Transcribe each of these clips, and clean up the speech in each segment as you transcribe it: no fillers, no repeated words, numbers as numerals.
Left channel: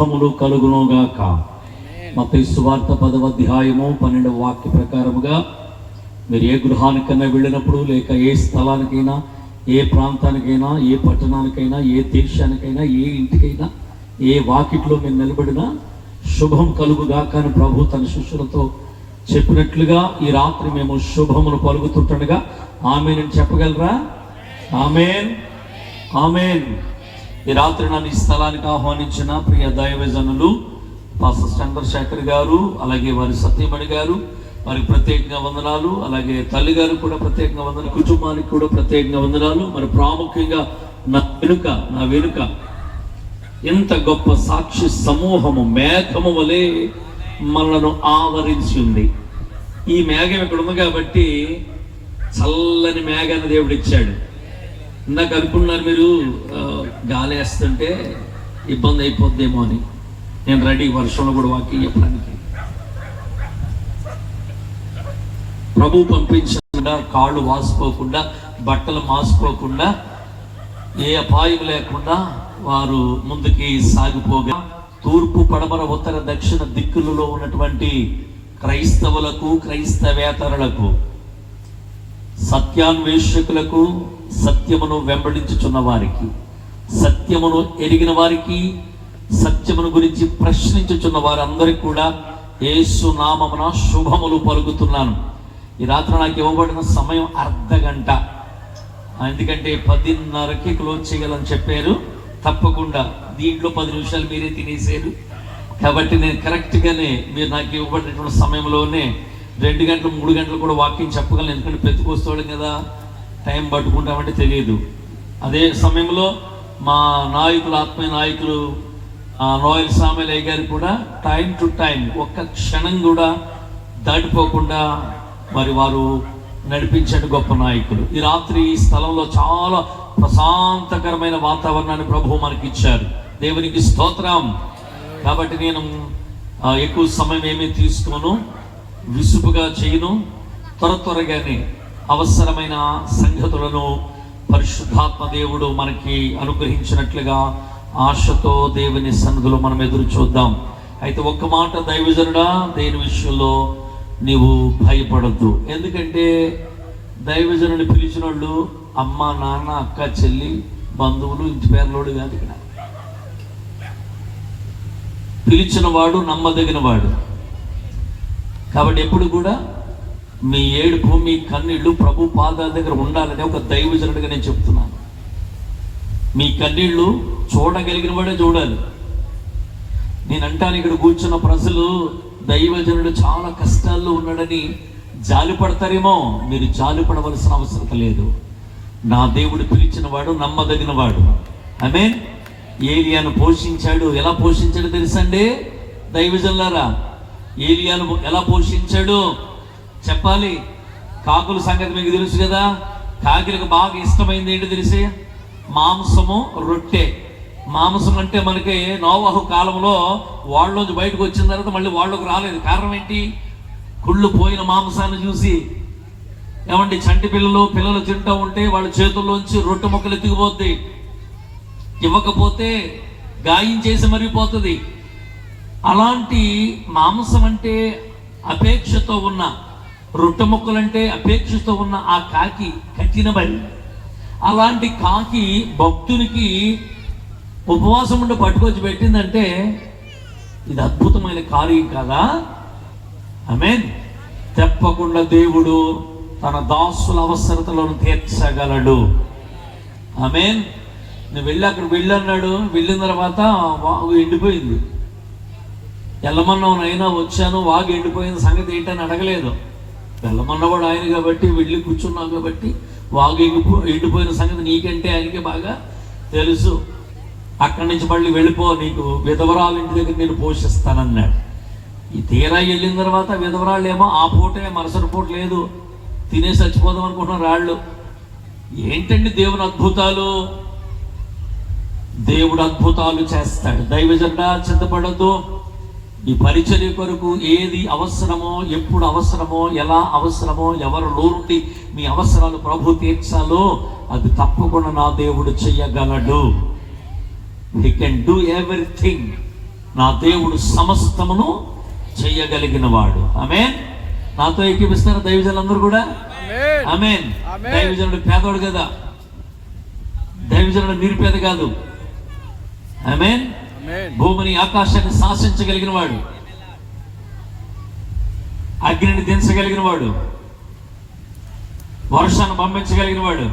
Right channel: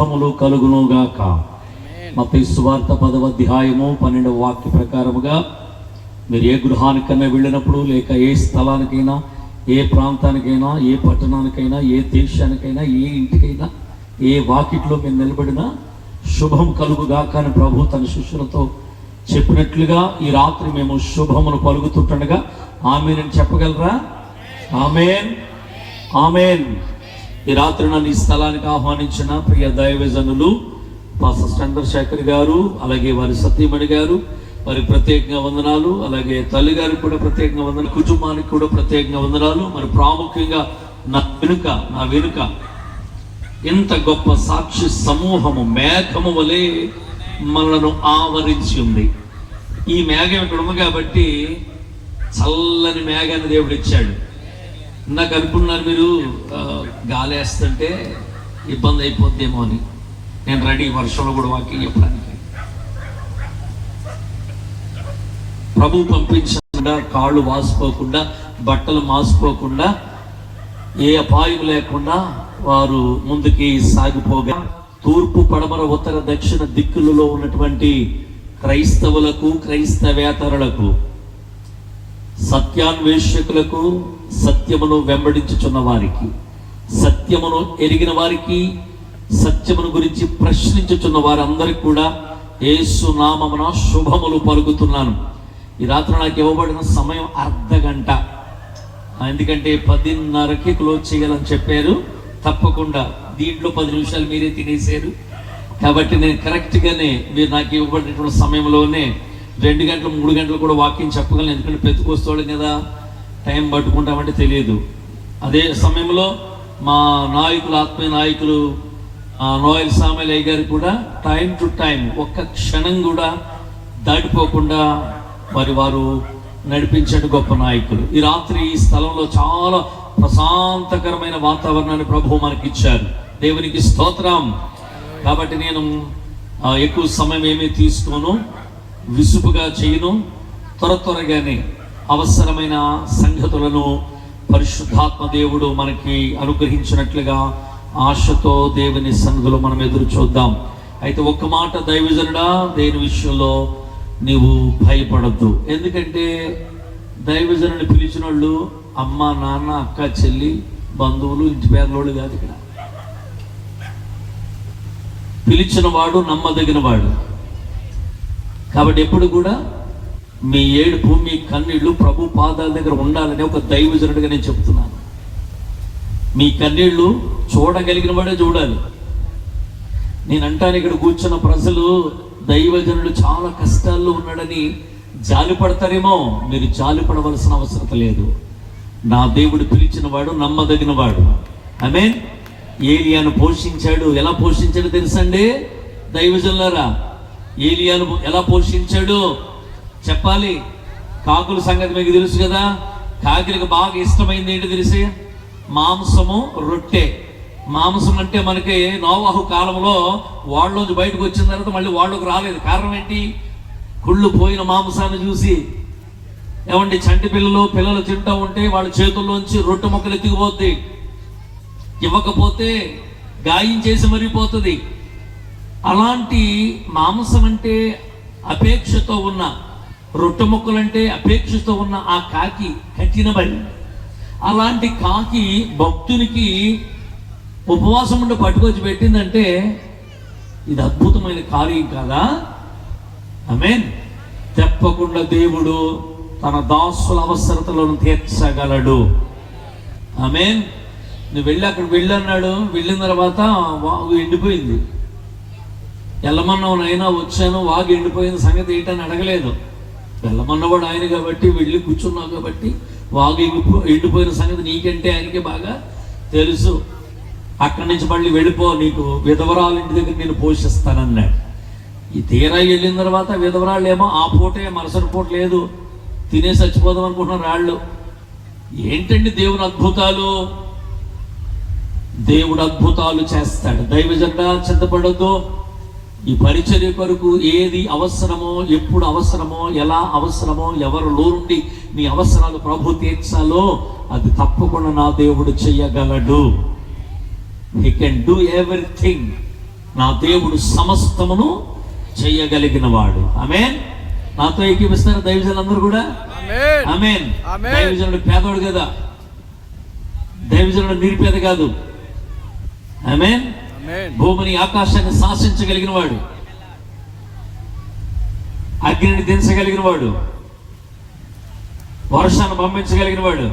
శుభములు కలుగునుగాక. మత్తయి సువార్త 10వ అధ్యాయము 12వ వాక్య ప్రకారముగా మీరు ఏ గృహానికైనా వెళ్ళినప్పుడు, లేక ఏ స్థలానికైనా, ఏ ప్రాంతానికైనా, ఏ పట్టణానికైనా, ఏ దేశానికైనా, ఏ ఇంటికైనా, ఏ వాకిట్లో మీరు నిలబడినా శుభం కలుగుగాక అని ప్రభు తన శిష్యులతో చెప్పినట్లుగా ఈ రాత్రి మేము శుభమును పలుకుతుండగా ఆమేన్ అని చెప్పగలరా? ఆమేన్, ఆమేన్. ఈ రాత్రి నన్ను ఈ స్థలానికి ఆహ్వానించిన ప్రియ దైవజనులు పాస్టర్ చంద్రశేఖర్ గారు, అలాగే వారి సతీమణి గారు, వారి ప్రత్యేకంగా వందనాలు. అలాగే తల్లి గారికి కూడా ప్రత్యేకంగా వందనాలు, కుటుంబానికి కూడా ప్రత్యేకంగా వందనాలు. మరి ప్రాముఖ్యంగా నా వెనుక ఎంత గొప్ప సాక్షి సమూహము మేఘము వలె మనను ఆవరించి ఉంది. ఈ మేఘం ఇక్కడ ఉంది కాబట్టి చల్లని మేఘాన్ని దేవుడు ఇచ్చాడు. ఇందాక అనుకున్నారు మీరు గాలి వేస్తుంటే ఇబ్బంది అయిపోద్దేమో అని. నేను రెడీ వర్షంలో కూడా వాకింగ్ చెప్పడానికి. ప్రభు పంపించకుండా, కాళ్ళు వాసిపోకుండా, బట్టలు మాసిపోకుండా, ఏ అపాయం లేకుండా వారు ముందుకి సాగిపోగా తూర్పు, పడమర, ఉత్తర, దక్షిణ దిక్కులలో ఉన్నటువంటి క్రైస్తవులకు, క్రైస్తవేతరులకు, సత్యాన్వేషకులకు, సత్యమును వెంబడించుచున్న వారికి, సత్యమును ఎరిగిన వారికి, సత్యమును గురించి ప్రశ్నించుచున్న వారందరికీ కూడా యేసు నామమున శుభములు పలుకుతున్నాను. ఈ రాత్రి నాకు ఇవ్వబడిన సమయం అర్ధగంట. ఎందుకంటే 10:30కి క్లోజ్ చేయాలని చెప్పారు. తప్పకుండా దీంట్లో 10 నిమిషాలు మీరే తినేసారు కాబట్టి నేను కరెక్ట్గానే మీరు నాకు ఇవ్వబడినటువంటి సమయంలోనే 2 గంటలు 3 గంటలు కూడా వాకింగ్ చెప్పగలను. ఎందుకంటే పెట్టుకొస్తాడు కదా, టైం పట్టుకుంటామంటే తెలియదు. అదే సమయంలో మా నాయకులు, ఆత్మీయ నాయకులు నోయల్ సామెలయ్య గారు కూడా టైం టు టైం, ఒక్క క్షణం కూడా దాటిపోకుండా మరి వారు నడిపించండి గొప్ప నాయకులు. ఈ రాత్రి ఈ స్థలంలో చాలా ప్రశాంతకరమైన వాతావరణాన్ని ప్రభు మనకి ఇచ్చారు. దేవునికి స్తోత్రం. కాబట్టి నేను ఎక్కువ సమయం ఏమీ తీసుకోను, విసుపుగా చేయను. త్వరగానే అవసరమైన సంగతులను పరిశుద్ధాత్మ దేవుడు మనకి అనుగ్రహించినట్లుగా ఆశతో దేవుని సన్నిధిలో మనం ఎదురు చూద్దాం. అయితే ఒక్క మాట దైవజనుడా, దేని విషయంలో నీవు భయపడద్దు. ఎందుకంటే దైవజనుని పిలిచిన వాళ్ళు అమ్మ, నాన్న, అక్క, చెల్లి, బంధువులు, ఇంటి పేర్లోడు కాదు. ఇక్కడ పిలిచిన వాడు నమ్మదగిన వాడు. కాబట్టి ఎప్పుడు కూడా మీ ఏడుపు, మీ కన్నీళ్లు ప్రభు పాదాల దగ్గర ఉండాలని ఒక దైవజనుడిగా నేను చెప్తున్నాను. మీ కన్నీళ్లు చూడగలిగిన వాడే చూడాలి. నేను అంటాను, ఇక్కడ కూర్చున్న ప్రజలు దైవజనుడు చాలా కష్టాల్లో ఉన్నాడని జాలి పడతారేమో. మీరు జాలి పడవలసిన అవసరం లేదు. నా దేవుడు పిలిచిన వాడు నమ్మదగిన వాడు. ఆమేన్. ఏలియాను పోషించాడు. ఎలా పోషించాడు తెలుసండి దైవజనులారా? ఏలియాను ఎలా పోషించాడు చెప్పాలి. కాకుల సంగతి మీకు తెలుసు కదా. కాకిలకు బాగా ఇష్టమైంది ఏంటి తెలిసి? మాంసము, రొట్టె. మాంసం అంటే మనకి నోవాహు కాలంలో వాళ్ళలోంచి బయటకు వచ్చిన తర్వాత మళ్ళీ వాళ్ళకు రాలేదు. కారణం ఏంటి? కుళ్ళు పోయిన మాంసాన్ని చూసి. ఏమండి, చంటి పిల్లలు తింటూ ఉంటే వాళ్ళ చేతుల్లోంచి రొట్టె మొక్కలు ఎత్తుకుపోద్ది. ఇవ్వకపోతే గాయం చేసి మరిపోతుంది. అలాంటి మాంసం అంటే అపేక్షతో ఉన్న, రొట్టె మొక్కలంటే అపేక్షతో ఉన్న ఆ కాకి కఠినమని. అలాంటి కాకి భక్తునికి ఉపవాసం ఉండి పట్టుకొచ్చి పెట్టిందంటే ఇది అద్భుతమైన కార్యం కదా. ఆమేన్. తప్పకుండా దేవుడు తన దాసుల అవసరతలను తీర్చగలడు. ఆమేన్. నువ్వు వెళ్ళి అక్కడ వెళ్ళన్నాడు. వెళ్ళిన తర్వాత వాగు ఎండిపోయింది. వెళ్ళమన్నావునైనా వచ్చాను, వాగు ఎండిపోయిన సంగతి ఏంటని అడగలేదు. వెళ్ళమన్నా కూడా ఆయన కాబట్టి, వెళ్ళి కూర్చున్నావు కాబట్టి వాగు ఎండిపోయిన సంగతి నీకంటే ఆయనకే బాగా తెలుసు. అక్కడి నుంచి మళ్ళీ వెళ్ళిపో, నీకు విధవరాలు ఇంటి దగ్గర నేను పోషిస్తానన్నాడు. ఈ తీరా వెళ్ళిన తర్వాత విధవరాళ్ళు ఏమో ఆ పూటే, మరుసటి పూట లేదు, తినే చచ్చిపోదాం అనుకుంటున్నారు వాళ్ళు. ఏంటండి దేవుని అద్భుతాలు? దేవుడు అద్భుతాలు చేస్తాడు. దైవజనుడా, చింతపడద్దు. ఈ పరిచర్య కొరకు ఏది అవసరమో, ఎప్పుడు అవసరమో, ఎలా అవసరమో, ఎవరిలో నుండి మీ అవసరాలు ప్రభు తీర్చాలో అది తప్పకుండా నా దేవుడు చెయ్యగలడు. He can do everything నా దేవుడు సమస్తమును చేయగలిగిన వాడు. ఆమేన్. నాతో ఏకీపిస్తారు దైవజనులందరూ కూడా. ఆమేన్. దైవజనుడు పేదోడు కదా, దైవజనుడు నిరుపేద కాదు. ఆమేన్. భూమిని ఆకాశాన్ని శాసించగలిగిన వాడు, అగ్నిని దించగలిగిన వాడు, వర్షాన్ని పంపించగలిగిన వాడు.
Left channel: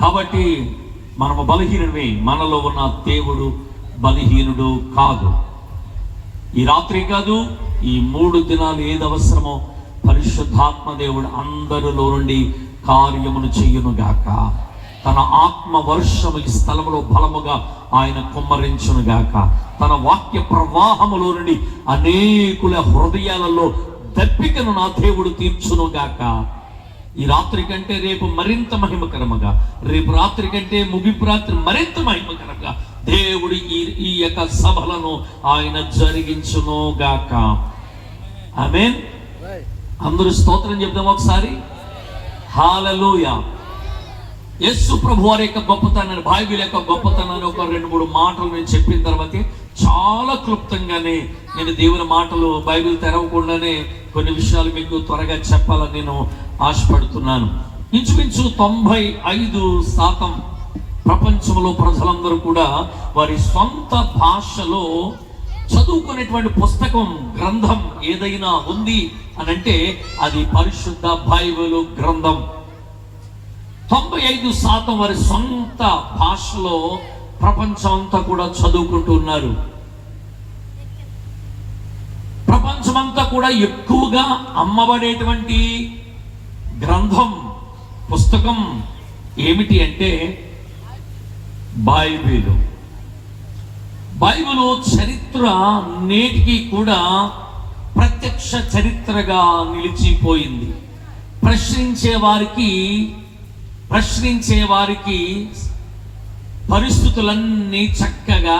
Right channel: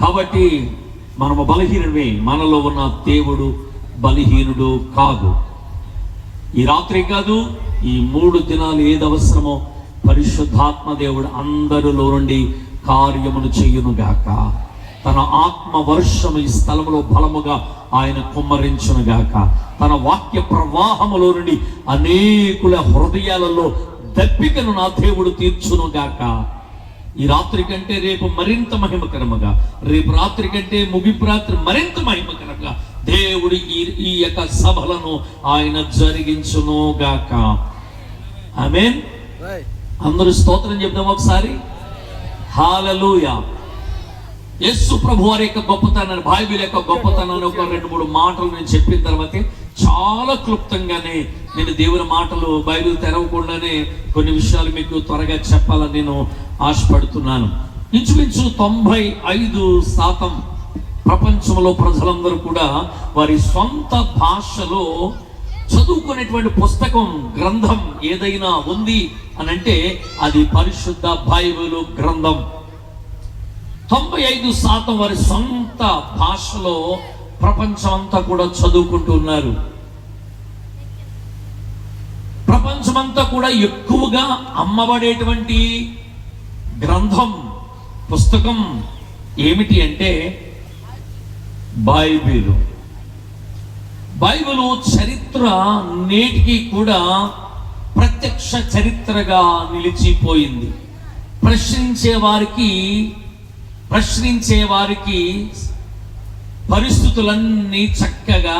కాబట్టి మనము బలహీనుడివి, మనలో ఉన్న దేవుడు బలహీనుడు కాదు. ఈ రాత్రి కాదు, ఈ 3 దినాలు ఏది అవసరమో పరిశుద్ధాత్మ దేవుడు అందరిలో నుండి కార్యమును చేయునుగాక. తన ఆత్మ వర్షము ఈ స్థలములో బలముగా ఆయన కుమ్మరించునుగాక. తన వాక్య ప్రవాహములో నుండి అనేకుల హృదయాలలో దప్పికను నా దేవుడు తీర్చునుగాక. ఈ రాత్రి కంటే రేపు మరింత మహిమకరముగా, రేపు రాత్రి కంటే ముగింపు రాత్రి మరింత మహిమకరంగా దేవుడు ఈ యొక్క సభలను ఆయన జరిగించునుగాక. ఆమేన్. అందరూ స్తోత్రం చెప్దాం ఒకసారి. హల్లెలూయా. యేసు ప్రభు వారి యొక్క గొప్పతనాన్ని, బైబిల్ యొక్క గొప్పతనాన్ని ఒక 2-3 మాటలు నేను చెప్పిన తర్వాత చాలా క్లుప్తంగానే నేను దేవుని మాటలు బైబిల్ తెరవకుండానే కొన్ని విషయాలు మీకు త్వరగా చెప్పాలని నేను ఆశపడుతున్నాను. ఇంచుమించు 95% ప్రపంచంలో ప్రజలందరూ కూడా వారి సొంత భాషలో చదువుకునేటువంటి పుస్తకం, గ్రంథం ఏదైనా ఉంది అని అంటే అది పరిశుద్ధ బైబిల్ గ్రంథం. 95% వారి సొంత భాషలో ప్రపంచం అంతా కూడా చదువుకుంటున్నారు. ప్రపంచమంతా కూడా ఎక్కువగా అమ్మబడేటువంటి గ్రంథం, పుస్తకం ఏమిటి అంటే బైబిల్. బైబిల్ చరిత్ర నేటికి కూడా ప్రత్యక్ష చరిత్రగా నిలిచిపోయింది. ప్రశ్నించే వారికి పరిస్థితులన్నీ చక్కగా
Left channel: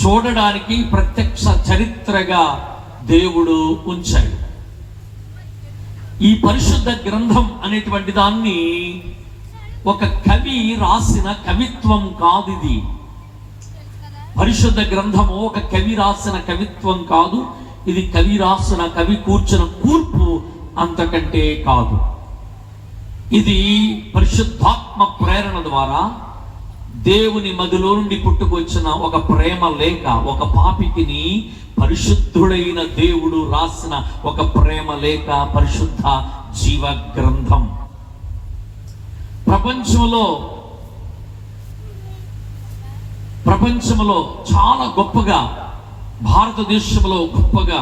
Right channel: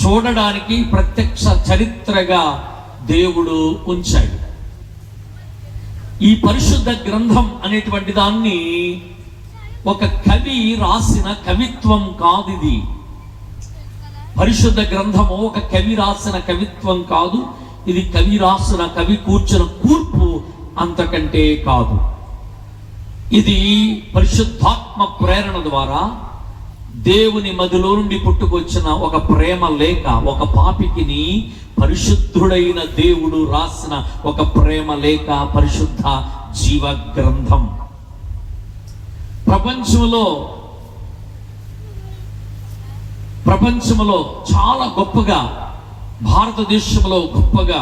చూడడానికి ప్రత్యక్ష చరిత్రగా దేవుడు ఉంచాడు. ఈ పరిశుద్ధ గ్రంథం అనేటువంటి దాన్ని ఒక కవి రాసిన కవిత్వం కాదు. ఇది పరిశుద్ధ గ్రంథము ఒక కవి రాసిన కవిత్వం కాదు. ఇది కవి రాసిన, కవి కూర్చున్న కూర్పు అంతకంటే కాదు. ఇది పరిశుద్ధాత్మ ప్రేరణ ద్వారా దేవుని మదిలో నుండి పుట్టుకొచ్చిన ఒక ప్రేమ లేఖ, ఒక పాపికిని పరిశుద్ధుడైన దేవుడు రాసిన ఒక ప్రేమ లేఖ, పరిశుద్ధ జీవ గ్రంథం. ప్రపంచంలో చాలా గొప్పగా, భారతదేశంలో గొప్పగా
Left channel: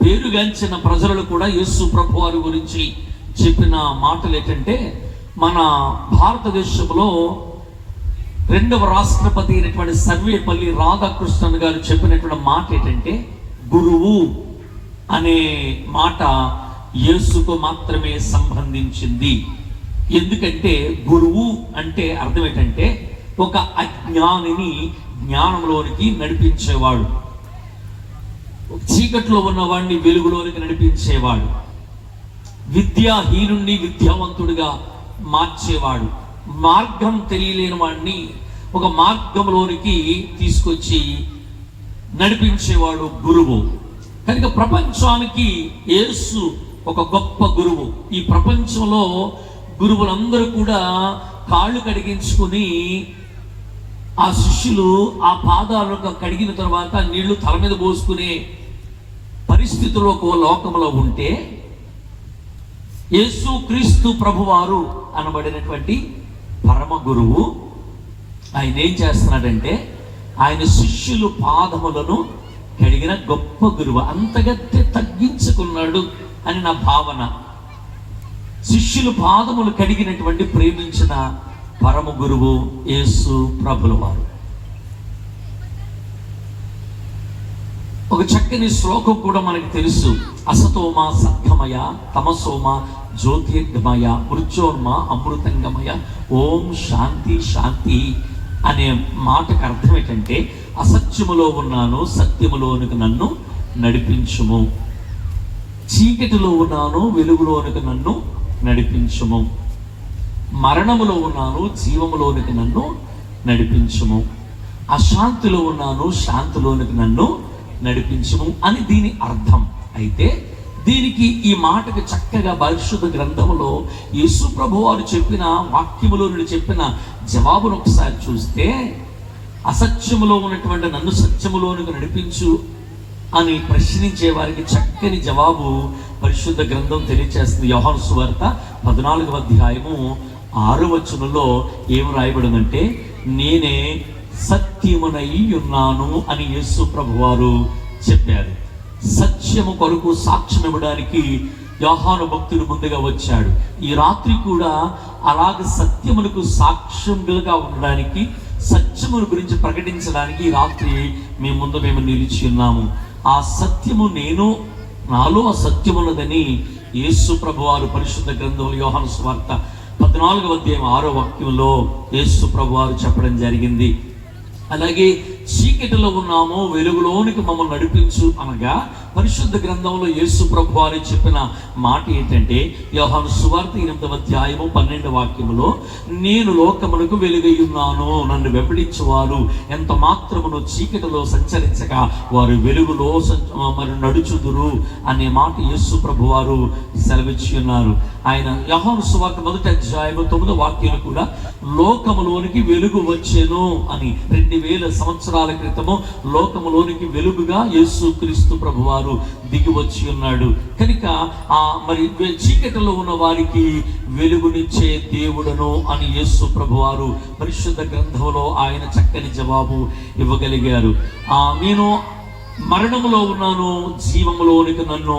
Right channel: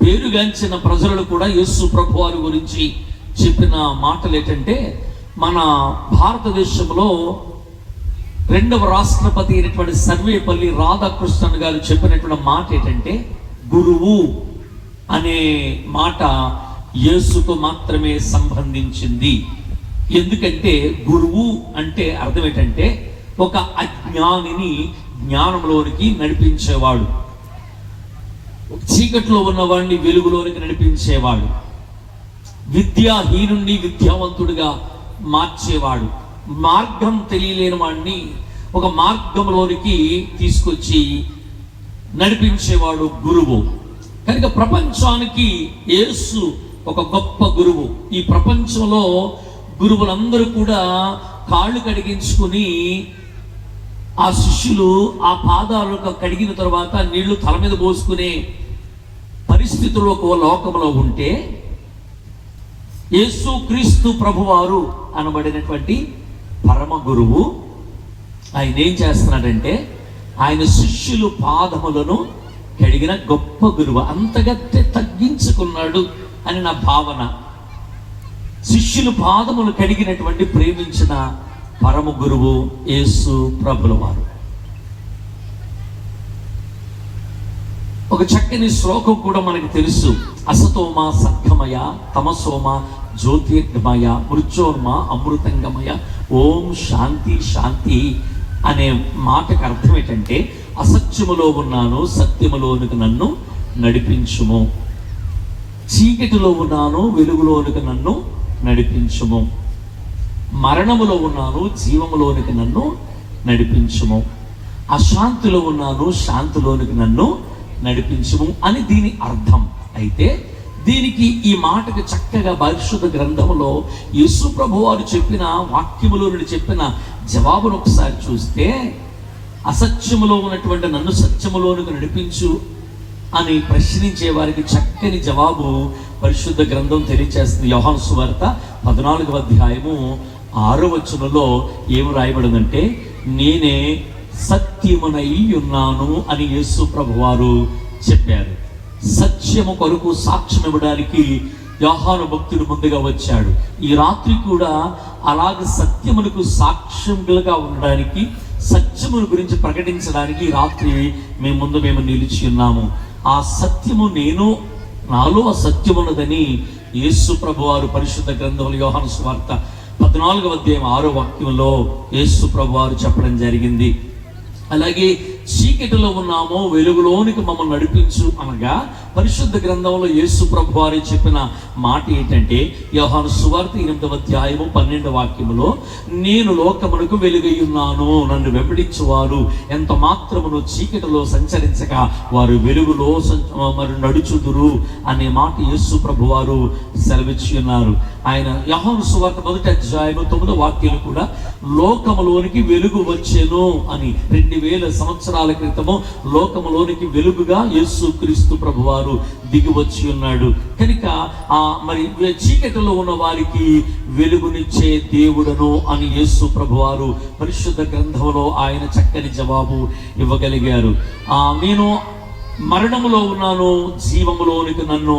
పేరుగాంచిన ప్రజలు కూడా యేసు ప్రభు వారి గురించి చెప్పిన మాటలు ఏంటంటే, మన భారతదేశంలో 2వ రాష్ట్రపతి అయినటువంటి సర్వేపల్లి రాధాకృష్ణన్ గారు చెప్పినటువంటి మాట ఏంటంటే, గురువు అనే మాట యేసుకు మాత్రమే సంబంధించింది. ఎందుకంటే గురువు అంటే అర్థం ఏంటంటే ఒక అజ్ఞానిని జ్ఞానంలోనికి నడిపించేవాడు, చీకట్లో ఉన్నవాడిని వెలుగులోనికి నడిపించేవాడు, విద్యాహీనుణ్ణి విద్యావంతుడిగా మార్చేవాడు, మార్గం తెలియలేని వాడిని ఒక మార్గంలోనికి తీసుకొచ్చి నడిపించేవాడు గురువు. కనుక ప్రపంచానికి యేసు ఒక గొప్ప గురువు. ఈ ప్రపంచంలో గురువులందరూ కూడా కాళ్ళు కడిగించుకుని ఆ శిష్యులు ఆ పాదాలు కడిగిన తర్వాత నీళ్లు తల మీద పోసుకునే పరిస్థితుల్లో ఒక లోకంలో ఉంటే, యేసు క్రీస్తు ప్రభువారు అనబడినటువంటి పరమ గురువు ఆయన ఏం చేస్తున్నాడంటే, ఆయన శిష్యులు పాదములను కడిగిన గొప్ప గురువు. అంతగా తగ్గించుకున్నాడు అని నా భావన. శిష్యులు పాదములు కడిగినటువంటి ప్రేమించిన పరమ గురువు యేసు ప్రభుల వారు. ఒక చక్కని శ్లోకం కూడా మనకు తెలుసు. అసతోమ సద్గమయ, తమసోమ జ్యోతిర్గమయ, మృత్యోర్మ అమృతంగమయ, ఓం శాంతి శాంతి అనే మాటకు అర్థం ఏంటంటే, అసత్యములో ఉన్నాను, సత్యములోనికి నన్ను నడిపించుము, చీకటిలో ఉన్నాను, వెలుగులోనికి నన్ను నడిపించుము, మరణములో ఉన్నాను, జీవములోనికి నన్ను నడిపించుము. అశాంతిలో ఉన్నాను, శాంతిలోనికి నన్ను నడిపించుము అని దీని అర్థం. అయితే దీనికి ఈ మాటకు చక్కగా పరిశుద్ధ గ్రంథంలో యేసు ప్రభు వారు చెప్పిన వాక్యములో నుండి చెప్పిన జవాబును ఒకసారి చూస్తే, అసత్యములో ఉన్నటువంటి నన్ను సత్యములోనికి నడిపించు అని ప్రశ్నించే వారికి చక్కని జవాబు పరిశుద్ధ గ్రంథం తెలియజేస్తుంది. యోహాను సువార్త 14వ అధ్యాయము 6వ వచనంలో ఏం రాయబడిందంటే, నేనే సత్యమునై ఉన్నాను అని యేసు ప్రభు వారు చెప్పారు. సత్యము కొరకు సాక్ష్యం ఇవ్వడానికి యోహాను భక్తుడు ముందుగా వచ్చాడు. ఈ రాత్రి కూడా అలాగ సత్యమునకు సాక్ష్యంగా ఉండడానికి, సత్యమును గురించి ప్రకటించడానికి ఈ రాత్రి మేము నిలిచి ఉన్నాము. ఆ సత్యము నేను, నాలో ఆ సత్యమున్నదని యేసు ప్రభు వారు పరిశుద్ధ గ్రంథంలో యోహాను సువార్త 14వ అధ్యాయం 6వ వాక్యంలో యేసు ప్రభు వారు చెప్పడం జరిగింది. అలాగే చీకటిలో ఉన్నామో వెలుగులోనికి మమ్మల్ని నడిపించు అనగా పరిశుద్ధ గ్రంథంలో యేసు ప్రభు వారు చెప్పిన మాట ఏంటంటే, యోహాను సువార్త 8వ అధ్యాయము 12వ వాక్యములో, నేను లోకమునకు వెలుగై ఉన్నాను, నన్ను వెంబడించువారు ఎంత మాత్రమును చీకటిలో సంచరించక వారు వెలుగులో మరి నడుచుదురు అనే మాట యేసు ప్రభు వారు సెలవిచ్చి ఉన్నారు. ఆయన యోహాను సువార్త 1వ అధ్యాయము 9వ వాక్యం కూడా లోకములోనికి వెలుగు వచ్చెను అని 2000 సంవత్సరాల క్రితము లోకములోనికి వెలుగుగా యేసు క్రీస్తు ప్రభు వారు దిగి వచ్చి ఉన్నాడు. కనుక మరి చీకటిలో ఉన్న వారికి వెలుగునిచ్చే దేవుడను అని యేసు ప్రభు వారు పరిశుద్ధ గ్రంథంలో ఆయన చక్కని జవాబు ఇవ్వగలిగారు. నేను మరణములో ఉన్నాను, జీవములోనికి నన్ను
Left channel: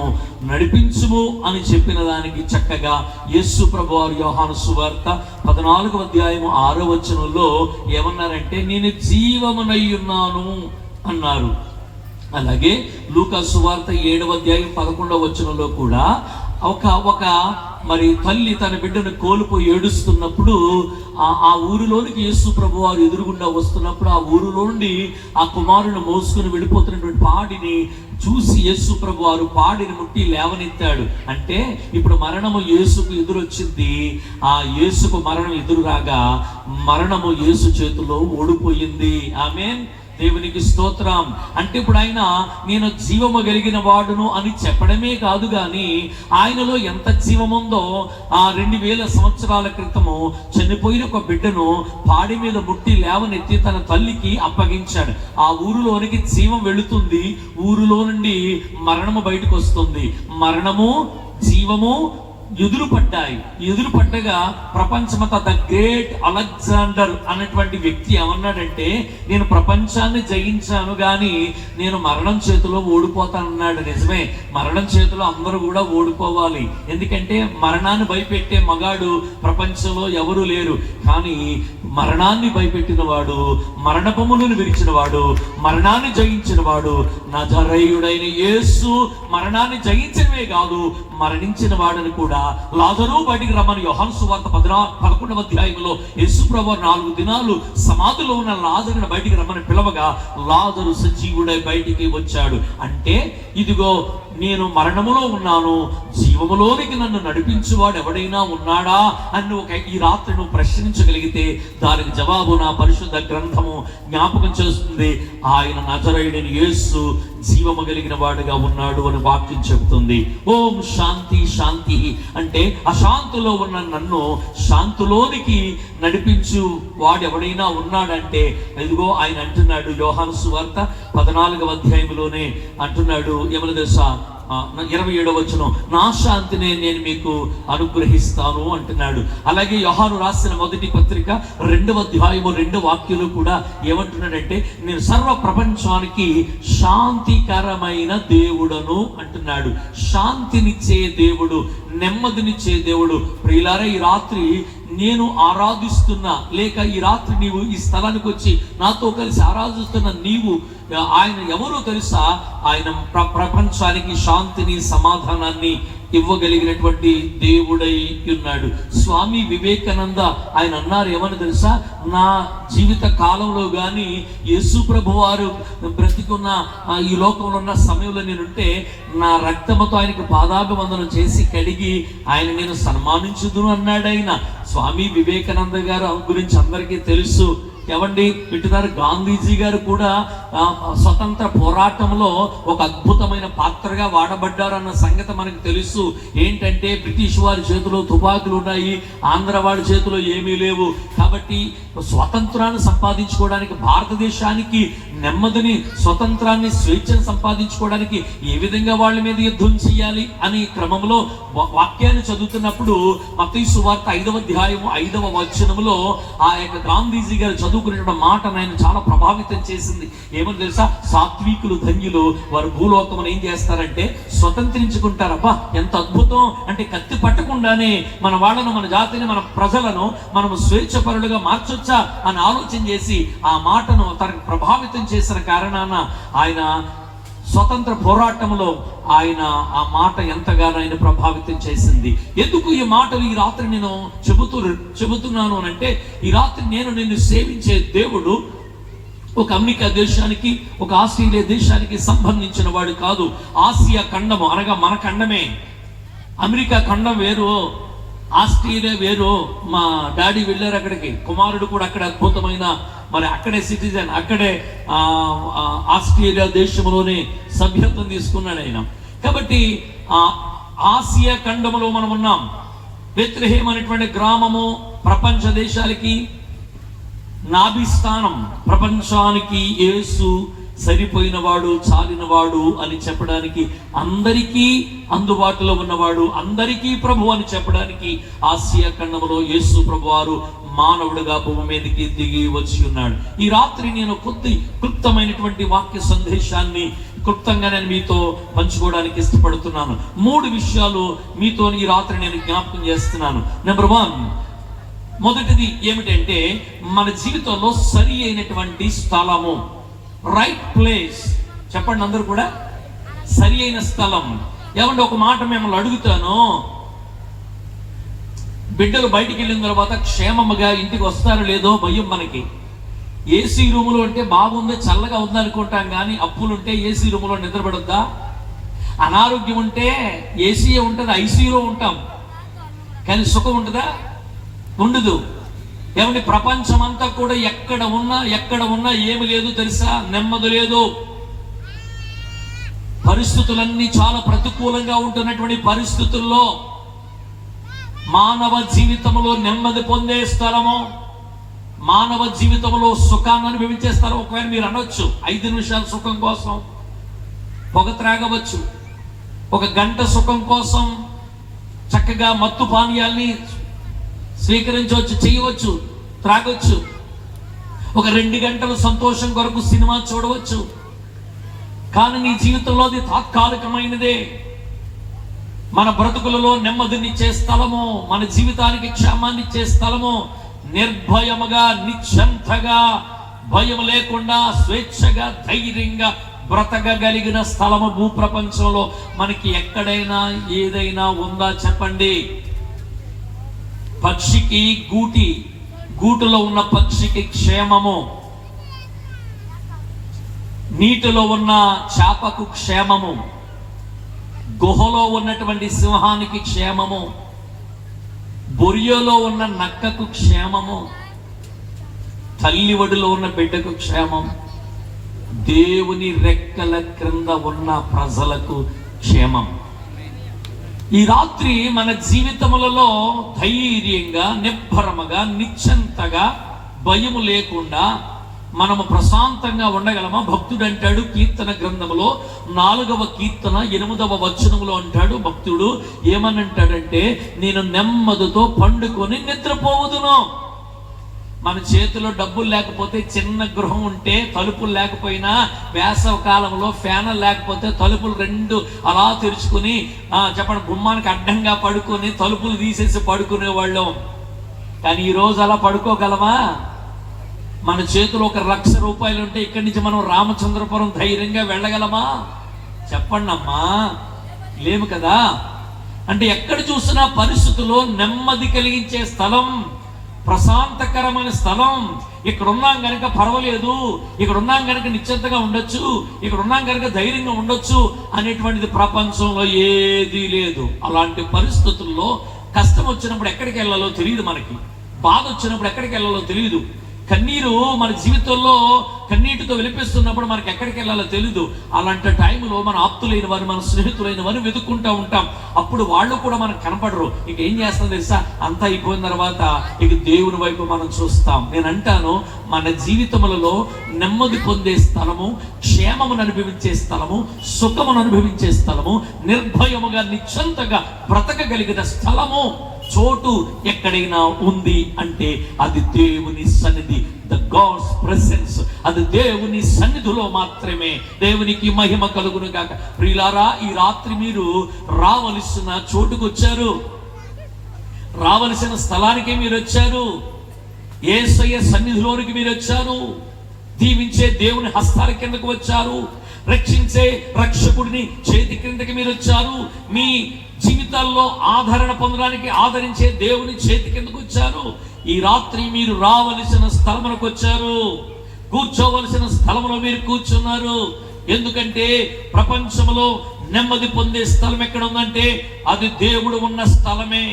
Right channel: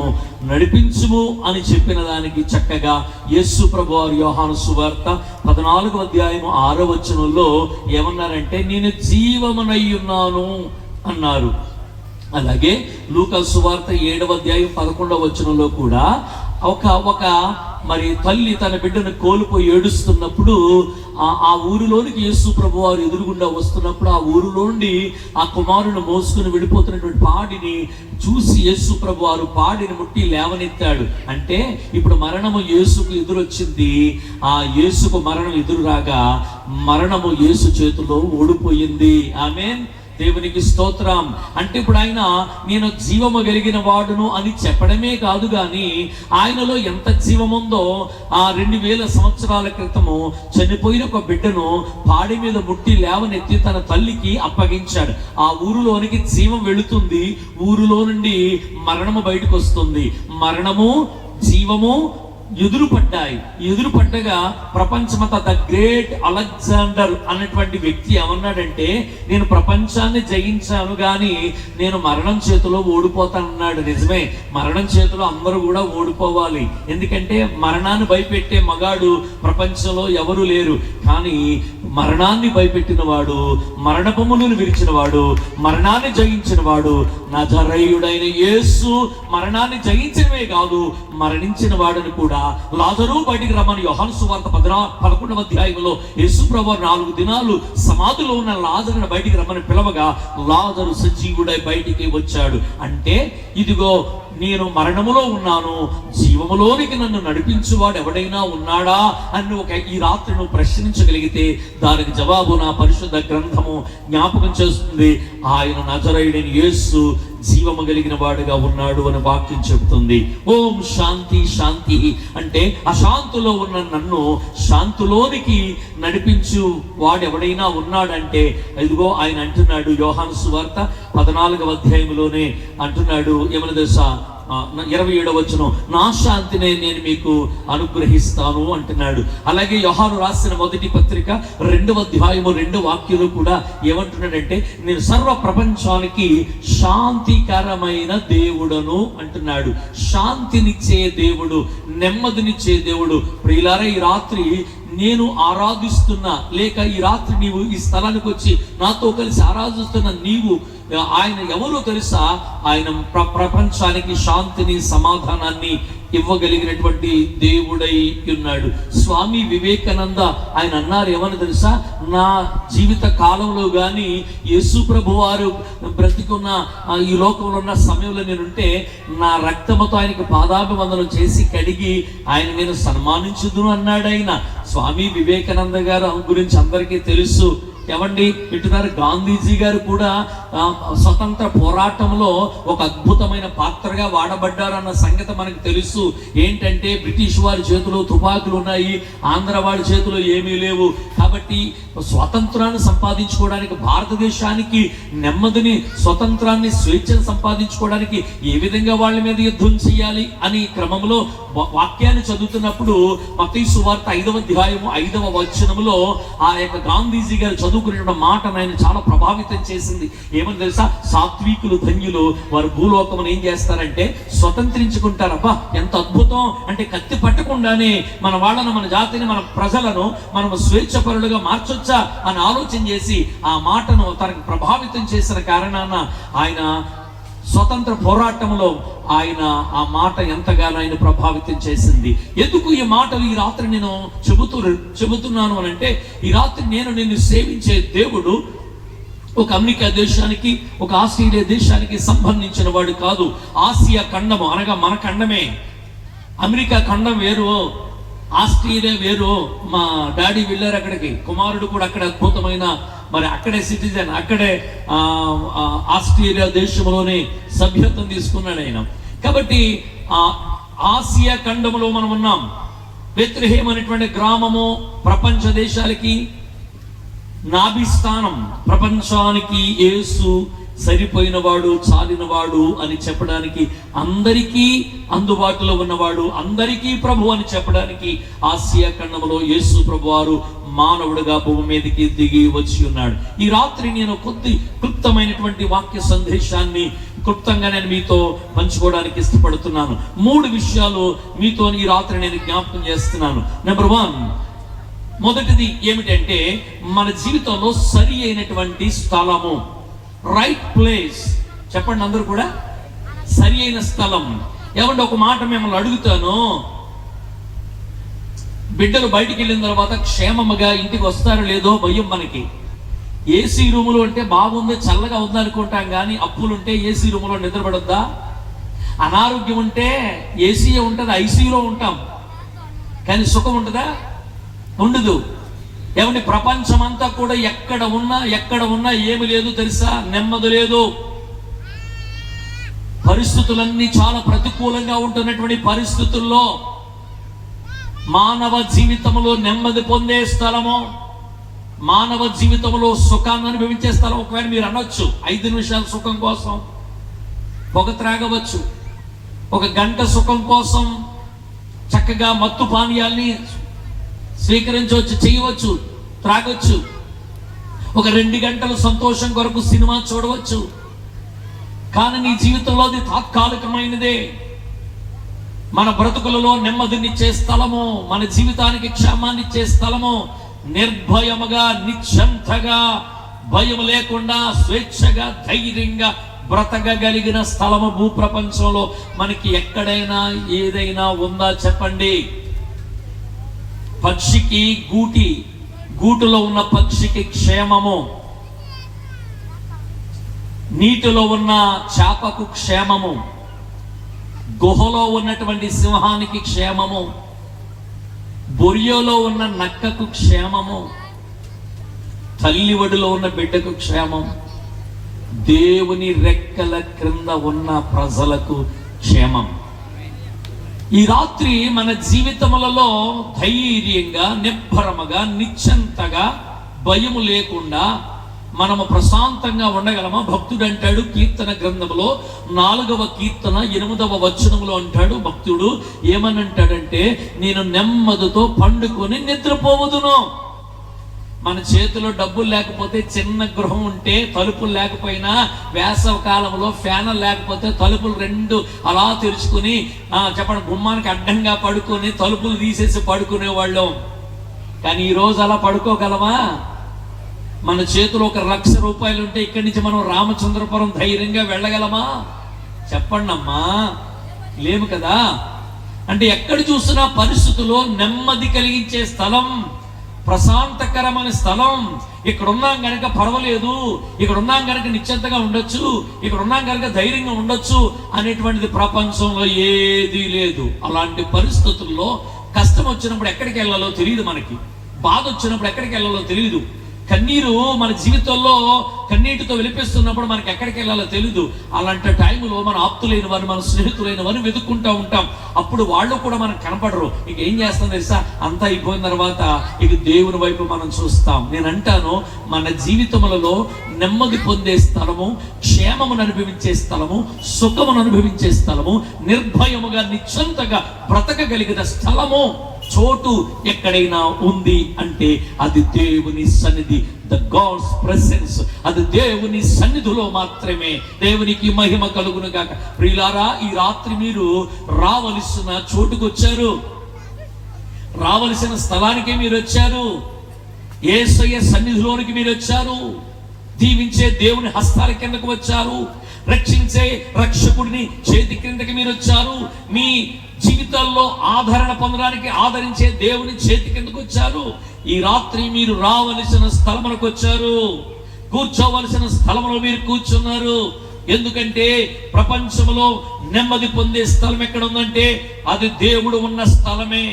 నడిపించుము అని చెప్పిన దానికి చక్కగా యేసు ప్రభు వారు యోహాను సువార్త 14వ అధ్యాయము 6వ వచనంలో ఏమన్నారంటే, నేను జీవమునై ఉన్నాను అన్నారు. అలాగే లూకా సువార్త 7వ అధ్యాయం 11వ వచనంలో కూడా ఒక మరి తల్లి తన బిడ్డను కోల్పోయి ఏడుస్తున్నప్పుడు ఆ ఊరిలోనికి యేసు ప్రభు వారు ఎదురుగుండా వస్తున్నప్పుడు ఆ ఊరిలో నుండి ఆ కుమారుని మోసుకుని వెళ్ళిపోతున్నటువంటి పాడిని చూసి యేసు ప్రభు వారు పాడిని ముట్టి లేవనెత్తాడు. అంటే ఇప్పుడు మరణము యేసుకు ఎదురొచ్చింది. ఆ యేసుకు మరణం ఎదురు రాగా మరణము యేసు చేతిలో ఓడిపోయింది. ఆమేన్, దేవునికి స్తోత్రం. అంటే ఇప్పుడు ఆయన నేను జీవము కలిగిన వాడును అని చెప్పడమే కాదు గాని ఆయనలో ఎంత జీవముందో 2000 సంవత్సరాల క్రితము చనిపోయిన ఒక బిడ్డను పాడి మీద ముట్టి లేవనెత్తి తన తల్లికి అప్పగించాడు. ఆ ఊరిలోనికి జీవం వెళుతుంది, ఊరిలో నుండి మరణము బయటకు వస్తుంది. మరణము జీవము ఎదురుపడ్డగా ప్రపంచమంతా ద గ్రేట్ అలెగ్జాండర్ అన్నటువంటి వ్యక్తి ఏమన్నాడంటే, నేను ప్రపంచాన్ని జయించాను గాని నేను మరణం చేతిలో ఓడిపోతానన్నాడు. నిజమే, మరణం చేతిలో అందరూ కూడా ఓడిపోవాలి. ఎందుకంటే మరణాన్ని భయపెట్టే మగాడు ప్రపంచంలో ఎవరు లేరు. కానీ మరణాన్ని భయపెట్టిన వాడు, మరణపములను విరిచిన వాడు, మరణాన్ని జయించిన వాడు నజరేయుడైన యేసు. మరణాన్ని జయించడమే కాదు, మరణించిన వాడిని కూడా లాజరు బయటికి రమ్మని యోహాను సువార్త 11వ అధ్యాయంలో యేసు ప్రభువు 4 దినాలు సమాధిలో ఉన్న లాజరుని బయటికి రమ్మని పిలవగా లాజరు సజీవుడై బయటికి వచ్చాడు. అంటే ఇదిగో నేను మరణములో ఉన్నాను, జీవములోనికి నన్ను నడిపించువాడు ఎవడైనా ఉన్నాడా అని ఈ రాత్రి నువ్వు ప్రశ్నించగలిగితే దానికి జవాబు నా పరిశుద్ధ గ్రంథము జ్ఞాపకం చేస్తుంది. ఆయన నజరేయుడైన యేసు జీవము కలిగిన వాడుగా ఉన్నాడు అని వాక్యం చెబుతుంది. ఓం శాంతి శాంతి అంటే అశాంతిలో ఉన్న నన్ను శాంతిలోనికి నడిపించు వాడు ఎవడైనా ఉన్నాడంటే ఇదిగో ఆయన అంటున్నాడు. యోహాను సువార్త 14వ అధ్యాయంలోనే అంటున్నాడు, ఏమని తెలుసా, 27వ వచనం, నా శాంతిని నేను మీకు అనుగ్రహిస్తాను అంటున్నాడు. అలాగే యోహాను రాసిన మొదటి పత్రిక 2వ అధ్యాయము 2వ వాక్యంలో కూడా ఏమంటున్నాడంటే, నేను సర్వ ప్రపంచానికి శాంతికరమైన దేవుడను అంటున్నాడు. శాంతినిచ్చే దేవుడు, నెమ్మదినిచ్చే దేవుడు. ప్రియులారా, ఈ రాత్రి నేను ఆరాధిస్తున్నా, లేక ఈ రాత్రి నీవు ఈ స్థలానికి వచ్చి నాతో కలిసి ఆరాధిస్తున్న నీవు ఆయన ఎవరో తెలుసా? ఆయన ప్రపంచానికి శాంతిని, సమాధానాన్ని ఇవ్వగలిగినటువంటి దేవుడై ఉన్నాడు. స్వామి వివేకానంద ఆయన అన్నారు, ఏమని తెలుసా, నా జీవిత కాలంలో గాని యేసు ప్రభు వారు బ్రతికున్న ఈ లోకంలో ఉన్న సమయంలో నేనుంటే నా రక్తముతో ఆయనకి పాదాభివందనం చేసి కడిగి ఆయన నేను సన్మానించుదును అన్నాడు. ఆయన స్వామి వివేకానంద గారు గురించి అందరికీ తెలుసు. ఎవండి వింటున్నారు, గాంధీజీ గారు కూడా స్వతంత్ర పోరాటంలో ఒక అద్భుతమైన పాత్రగా వాడబడ్డారన్న సంగతి మనకు తెలుసు. ఏంటంటే బ్రిటిష్ వారి చేతిలో తుపాకులు ఉన్నాయి, ఆంధ్ర వారి చేతిలో ఏమీ లేవు. కాబట్టి స్వతంత్రాన్ని సంపాదించుకోవడానికి, భారతదేశానికి నెమ్మదిని, స్వతంత్రాన్ని, స్వేచ్ఛను సంపాదించుకోవడానికి ఏ విధంగా వాళ్ళ మీద యుద్ధం చేయాలి అని క్రమంలో వాక్యాన్ని చదువుతున్నప్పుడు మత్తయి సువార్త 5వ అధ్యాయం 5వ వచనంలో ఆ యొక్క గాంధీజీ గారు చదువుకునే మాట ఆయన చాలా ప్రభావితం చేసింది. ఏమని తెలుసా? సాత్వికులు ధన్యులు, వారు భూలోకమును ఏం చేస్తారంటే స్వతంత్రించుకుంటారు. అబ్బా ఎంత అద్భుతం! అంటే కత్తి పట్టకుండానే మన వాళ్ళను, మన జాతిని, మన ప్రజలను మనము స్వేచ్ఛపరులుగా మార్చొచ్చా అని ఆలోచన చేసి ఆ మాటను తనకు ప్రభావితం చేసిన కారణాన ఆయన స్వతంత్ర పోరాటంలో ఆయన ఆ మాట ఎంతగానో ఆయన ప్రభావితం చేసింది. ఎందుకు ఈ మాటలు ఈ రాత్రి నేను చెబుతున్నాను అని అంటే, ఈ రాత్రి నేను నిన్ను సేవించే దేవుడు ఒక అమెరికా దేశానికి, ఒక ఆస్ట్రేలియా దేశానికి సంబంధించిన వాడు కాదు. ఆసియా ఖండము అనగా మన ఖండమే. అమెరికా ఖండం వేరు, ఆస్ట్రేలియా వేరు. మా డాడీ వెళ్ళారు అక్కడికి, కుమారుడు కూడా అక్కడ అద్భుతమైన మరి అక్కడే సిటిజన్, అక్కడే ఆస్ట్రేలియా దేశంలోనే సభ్యత్వం తీసుకున్నాడు ఆయన. కాబట్టి ఆసియా ఖండంలో మనం ఉన్నాం. బెత్లెహేమ్ అనేటువంటి గ్రామము ప్రపంచ దేశాలకి నాభిస్థానం. ప్రపంచానికి యేసు సరిపోయినవాడు, చాలినవాడు అని చెప్పడానికి, అందరికీ అందుబాటులో ఉన్నవాడు, అందరికీ ప్రభు అని చెప్పడానికి ఆసియా ఖండంలో యేసు ప్రభు వారు మానవుడిగా భూమి మీదకి దిగి వచ్చి ఉన్నాడు. ఈ రాత్రి నేను కొద్ది క్లుప్తమైనటువంటి వాక్య సందేశాన్ని క్లుప్తంగా నేను మీతో పంచుకోవడానికి ఇష్టపడుతున్నాను. 3 విషయాలు మీతో ఈ రాత్రి నేను జ్ఞాపకం చేస్తున్నాను. నెంబర్ 1, మొదటిది ఏమిటంటే మన జీవితంలో సరి అయినటువంటి స్థలము, రైట్ ప్లేస్. చెప్పండి అందరూ కూడా, సరి అయిన స్థలం. ఏమంటే ఒక మాట మిమ్మల్ని అడుగుతాను, బిడ్డలు బయటికి వెళ్ళిన తర్వాత క్షేమముగా ఇంటికి వస్తారో లేదో భయం మనకి. ఏసీ రూములు అంటే బాగుంది, చల్లగా ఉంది అనుకుంటాం, కానీ అప్పులుంటే ఏసీ రూములో నిద్రపడొద్దా? అనారోగ్యం ఉంటే ఏసీ ఉంటుంది, ఐసీలో ఉంటాం, కానీ సుఖం ఉంటుందా? ఉండదు. ఏమంటే ప్రపంచం అంతా కూడా ఎక్కడ ఉన్నా ఏమి లేదు తెలుసా? నెమ్మది లేదు. పరిస్థితులన్నీ చాలా ప్రతికూలంగా ఉంటున్నటువంటి పరిస్థితుల్లో మానవ జీవితంలో నెమ్మది పొందే స్థలము, మానవ జీవితంలో సుఖాన్ని అనుభవించే స్థలం. ఒకవేళ మీరు అనొచ్చు 5 నిమిషాల సుఖం కోసం పొగ త్రాగవచ్చు, 1 గంట సుఖం కోసం చక్కగా మత్తు పానీయాల్ని స్వీకరించవచ్చు, చేయవచ్చు, త్రాగొచ్చు, 2 గంటల సంతోషం కొరకు సినిమా చూడవచ్చు. కానీ నీ జీవితంలో అది తాత్కాలికమైనదే. మన బ్రతుకులలో నెమ్మదినిచ్చే స్థలము, మన జీవితానికి క్షేమాన్నిచ్చే స్థలము, నిర్భయముగా, నిశ్చంతగా, భయం లేకుండా, స్వేచ్ఛగా, ధైర్యంగా బ్రతకగలిగిన స్థలము భూప్రపంచంలో మనకి ఎక్కడైనా ఏదైనా ఉందా చెప్పండి? పక్షికి గూటిలో ఉన్న పక్షికి క్షేమము, నీటిలో ఉన్న చేపకు క్షేమము, గుహలో ఉన్నటువంటి సింహానికి క్షేమము, బొరియలో ఉన్న నక్కకు క్షేమము, తల్లి ఒడిలో ఉన్న బిడ్డకు క్షేమం, దేవుని రెక్కల క్రింద ఉన్న ప్రజలకు క్షేమం. ఈ రాత్రి మన జీవితములలో ధైర్యంగా, నిబ్బరముగా, నిశ్చంతగా, భయము లేకుండా మనము ప్రశాంతంగా ఉండగలమా? భక్తుడు అంటాడు కీర్తన గ్రంథములో 4వ కీర్తన 8వ వచనములో అంటాడు భక్తుడు, ఏమని అంటాడంటే, నేను నెమ్మదితో పండుకొని నిద్రపోవదును. మన చేతిలో డబ్బులు లేకపోతే, చిన్న గృహం ఉంటే, తలుపులు లేకపోయినా, వేసవ కాలంలో ఫ్యాన్లు లేకపోతే తలుపులు 2 అలా తెరుచుకుని చెప్పండి గుమ్మానికి అడ్డంగా పడుకొని తలుపులు తీసేసి పడుకునే వాళ్ళం. కానీ ఈ రోజు అలా పడుకోగలమా? మన చేతిలో 1 లక్ష రూపాయలు ఉంటే ఇక్కడి నుంచి మనం రామచంద్రపురం ధైర్యంగా వెళ్ళగలమా? చెప్పండి అమ్మా, లేము కదా. అంటే ఎక్కడ చూసినా పరిస్థితుల్లో నెమ్మది కలిగించే స్థలం, ప్రశాంతకరమైన స్థలం. ఇక్కడ ఉన్నాం కనుక పర్వాలేదు, ఇక్కడ ఉన్నాం కనుక నిశ్చింతగా ఉండొచ్చు, ఇక్కడ ఉన్నాం కనుక ధైర్యంగా ఉండొచ్చు అనేటువంటిది ప్రపంచంలో ఏదీ లేదు. అలాంటి పరిస్థితుల్లో కష్టం వచ్చినప్పుడు ఎక్కడికి వెళ్ళాలో తెలియదు, మనకి బాధ వచ్చినప్పుడు ఎక్కడికి వెళ్ళాలో తెలియదు, కన్నీరు మన జీవితంలో కన్నీటితో వెలిపిస్తున్నప్పుడు మనకి ఎక్కడికి వెళ్ళాలో తెలీదు. అలాంటి టైంలో మన ఆప్తులైన వారు, మన స్నేహితులైన వారు వెతుక్కుంటూ ఉంటాం. అప్పుడు వాళ్ళు కూడా మనకు కనపడరు. ఇక ఏం చేస్తాం తెలుసా? అంతా అయిపోయిన తర్వాత ఇక దేవుని వైపు మనం చూస్తాం. నేను అంటాను, మన జీవితములలో నెమ్మది పొందే స్థలము, క్షేమమును అనుభవించే స్థలము, సుఖమును అనుభవించే స్థలము, నిర్భయముగా నిశ్చంతగా బ్రతకగలిగిన స్థలము, చోటు ఎక్కడైనా ఉంది అంటే అది దేవుని సన్నిధి, ద గాడ్స్ ప్రెసెన్స్. అది దేవుని సన్నిధిలో మాత్రమే. దేవునికి మహిమ కలుగును గాక. ప్రియులారా, ఈ రాత్రి మీరు రావలసిన చోటుకు వచ్చారు, రావలసిన స్థలానికి మీరు వచ్చారు, యేసయ్య సన్నిధిలోనికి మీరు వచ్చారు, దీవించే దేవుని హస్తాల కిందకు వచ్చారు, రక్షించే రక్షకుడిని చేతి కిందకి మీరు వచ్చారు, మీ జీవితాల్లో ఆదరణ పొందడానికి ఆదరించే దేవుని చేతి కిందకు వచ్చారు. ఈ రాత్రి మీరు రావలసిన స్థలములకు వచ్చారు, కూర్చోవలసిన స్థలములో మీరు కూర్చున్నారు. ఎందుకంటే ప్రపంచంలో నెమ్మది పొందే స్థలం ఎక్కడ ఉందంటే అది దేవుడు ఉన్న స్థలమే,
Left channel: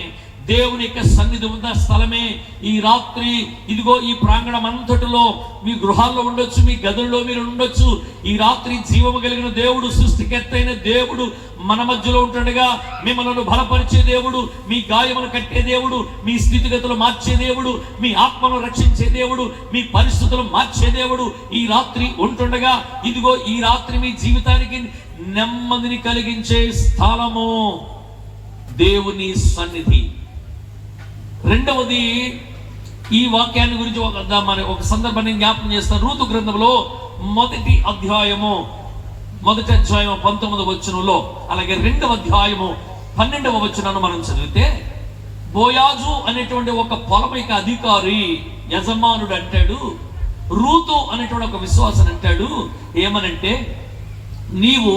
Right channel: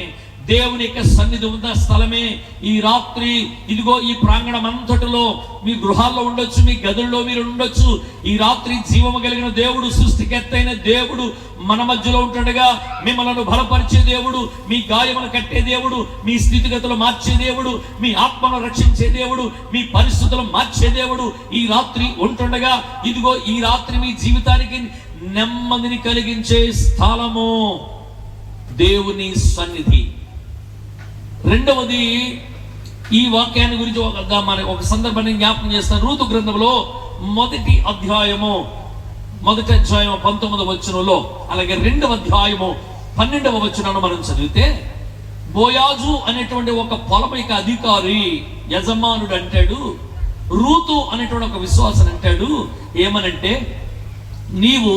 దేవుని యొక్క సన్నిధి ఉన్న స్థలమే. ఈ రాత్రి ఇదిగో ఈ ప్రాంగణం అంతటిలో, మీ గృహాల్లో ఉండొచ్చు, మీ గదుల్లో మీరు ఉండొచ్చు. ఈ రాత్రి జీవము కలిగిన దేవుడు, సృష్టికర్తైన దేవుడు మన మధ్యలో ఉంటుండగా మిమ్మల్ని బలపరిచే దేవుడు, మీ గాయములు కట్టే దేవుడు, మీ స్థితిగతులు మార్చే దేవుడు, మీ ఆత్మను రక్షించే దేవుడు, మీ పరిస్థితులు మార్చే దేవుడు ఈ రాత్రి ఉంటుండగా, ఇదిగో ఈ రాత్రి మీ జీవితానికి నెమ్మదిని కలిగించే స్థలము దేవుని సన్నిధి. రెండవది, ఈ వాక్యాన్ని గురించి ఒక సందర్భాన్ని జ్ఞాపకం చేస్తాను. రూతు గ్రంథంలో మొదటి అధ్యాయము 19వ వచనంలో, అలాగే 2వ అధ్యాయము 12వ వచనంలో మనం చదివితే, బోయాజు అనేటువంటి ఒక పొలమిక అధికారి యజమానుడు అంటాడు, రూతు అనేటువంటి ఒక విశ్వాసం అంటాడు, ఏమనంటే, నీవు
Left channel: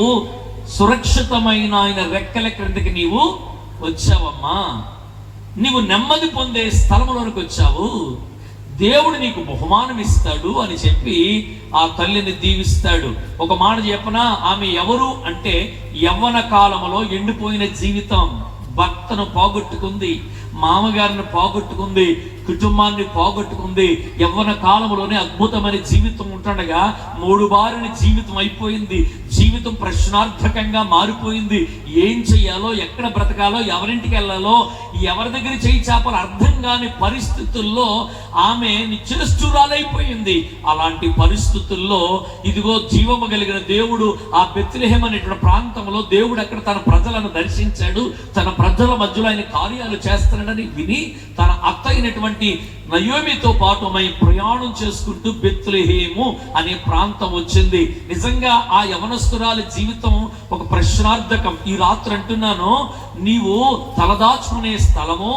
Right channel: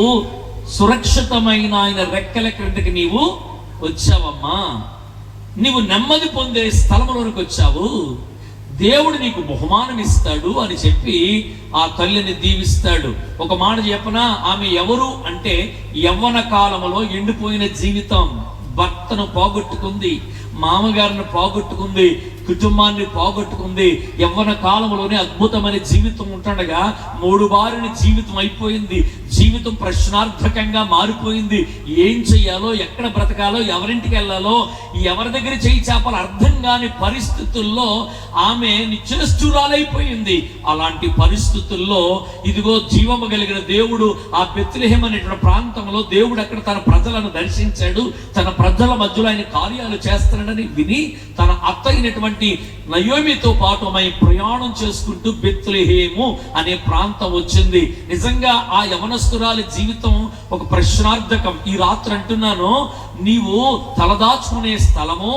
సురక్షితమైన ఆయన రెక్కల క్రిందకి నీవు వచ్చావమ్మా, నీవు నెమ్మది పొందే స్థలంలోనికి వచ్చావు, దేవుడు నీకు బహుమానం ఇస్తాడు అని చెప్పి ఆ తల్లిని దీవిస్తాడు. ఒక మాట చెప్పనా, ఆమె ఎవరు అంటే యవ్వన కాలంలో ఎండిపోయిన జీవితం, భర్తను పోగొట్టుకుంది, మామగారిని పోగొట్టుకుంది, కుటుంబాన్ని పోగొట్టుకుంది, యవ్వన కాలంలోనే అద్భుతమైన జీవితం ఉంటుండగా 3 వారిని జీవితం అయిపోయింది, జీవితం ప్రశ్నార్థకంగా మారిపోయింది. ఏం చెయ్యాలో, ఎక్కడ బ్రతకాలో, ఎవరింటికి వెళ్ళాలో, ఎవరి దగ్గర చేయి చాపాలో అర్థం కాని పరిస్థితుల్లో ఆమె నిశ్చేష్టురాలైపోయింది. అలాంటి పరిస్థితుల్లో ఇదిగో జీవము కలిగిన దేవుడు ఆ బెత్లెహేం అనేటువంటి ప్రాంతంలో దేవుడు అక్కడ తన ప్రజలను దర్శించాడు, తన ప్రజల మధ్యలో ఆయన కార్యాలు చేస్తున్నాడని విని తన అత్త అయినటువంటి నయోమితో పాటు ఆమె ప్రయాణం చేసుకుంటూ బెత్లెహేము అనే ప్రాంతం వచ్చింది. నిజంగా ఆ యవనస్తురాలి జీవితం ఒక ప్రశ్నార్థకం. ఈ రాత్రి అంటున్నాను, నీవు తలదాచుకునే స్థలము,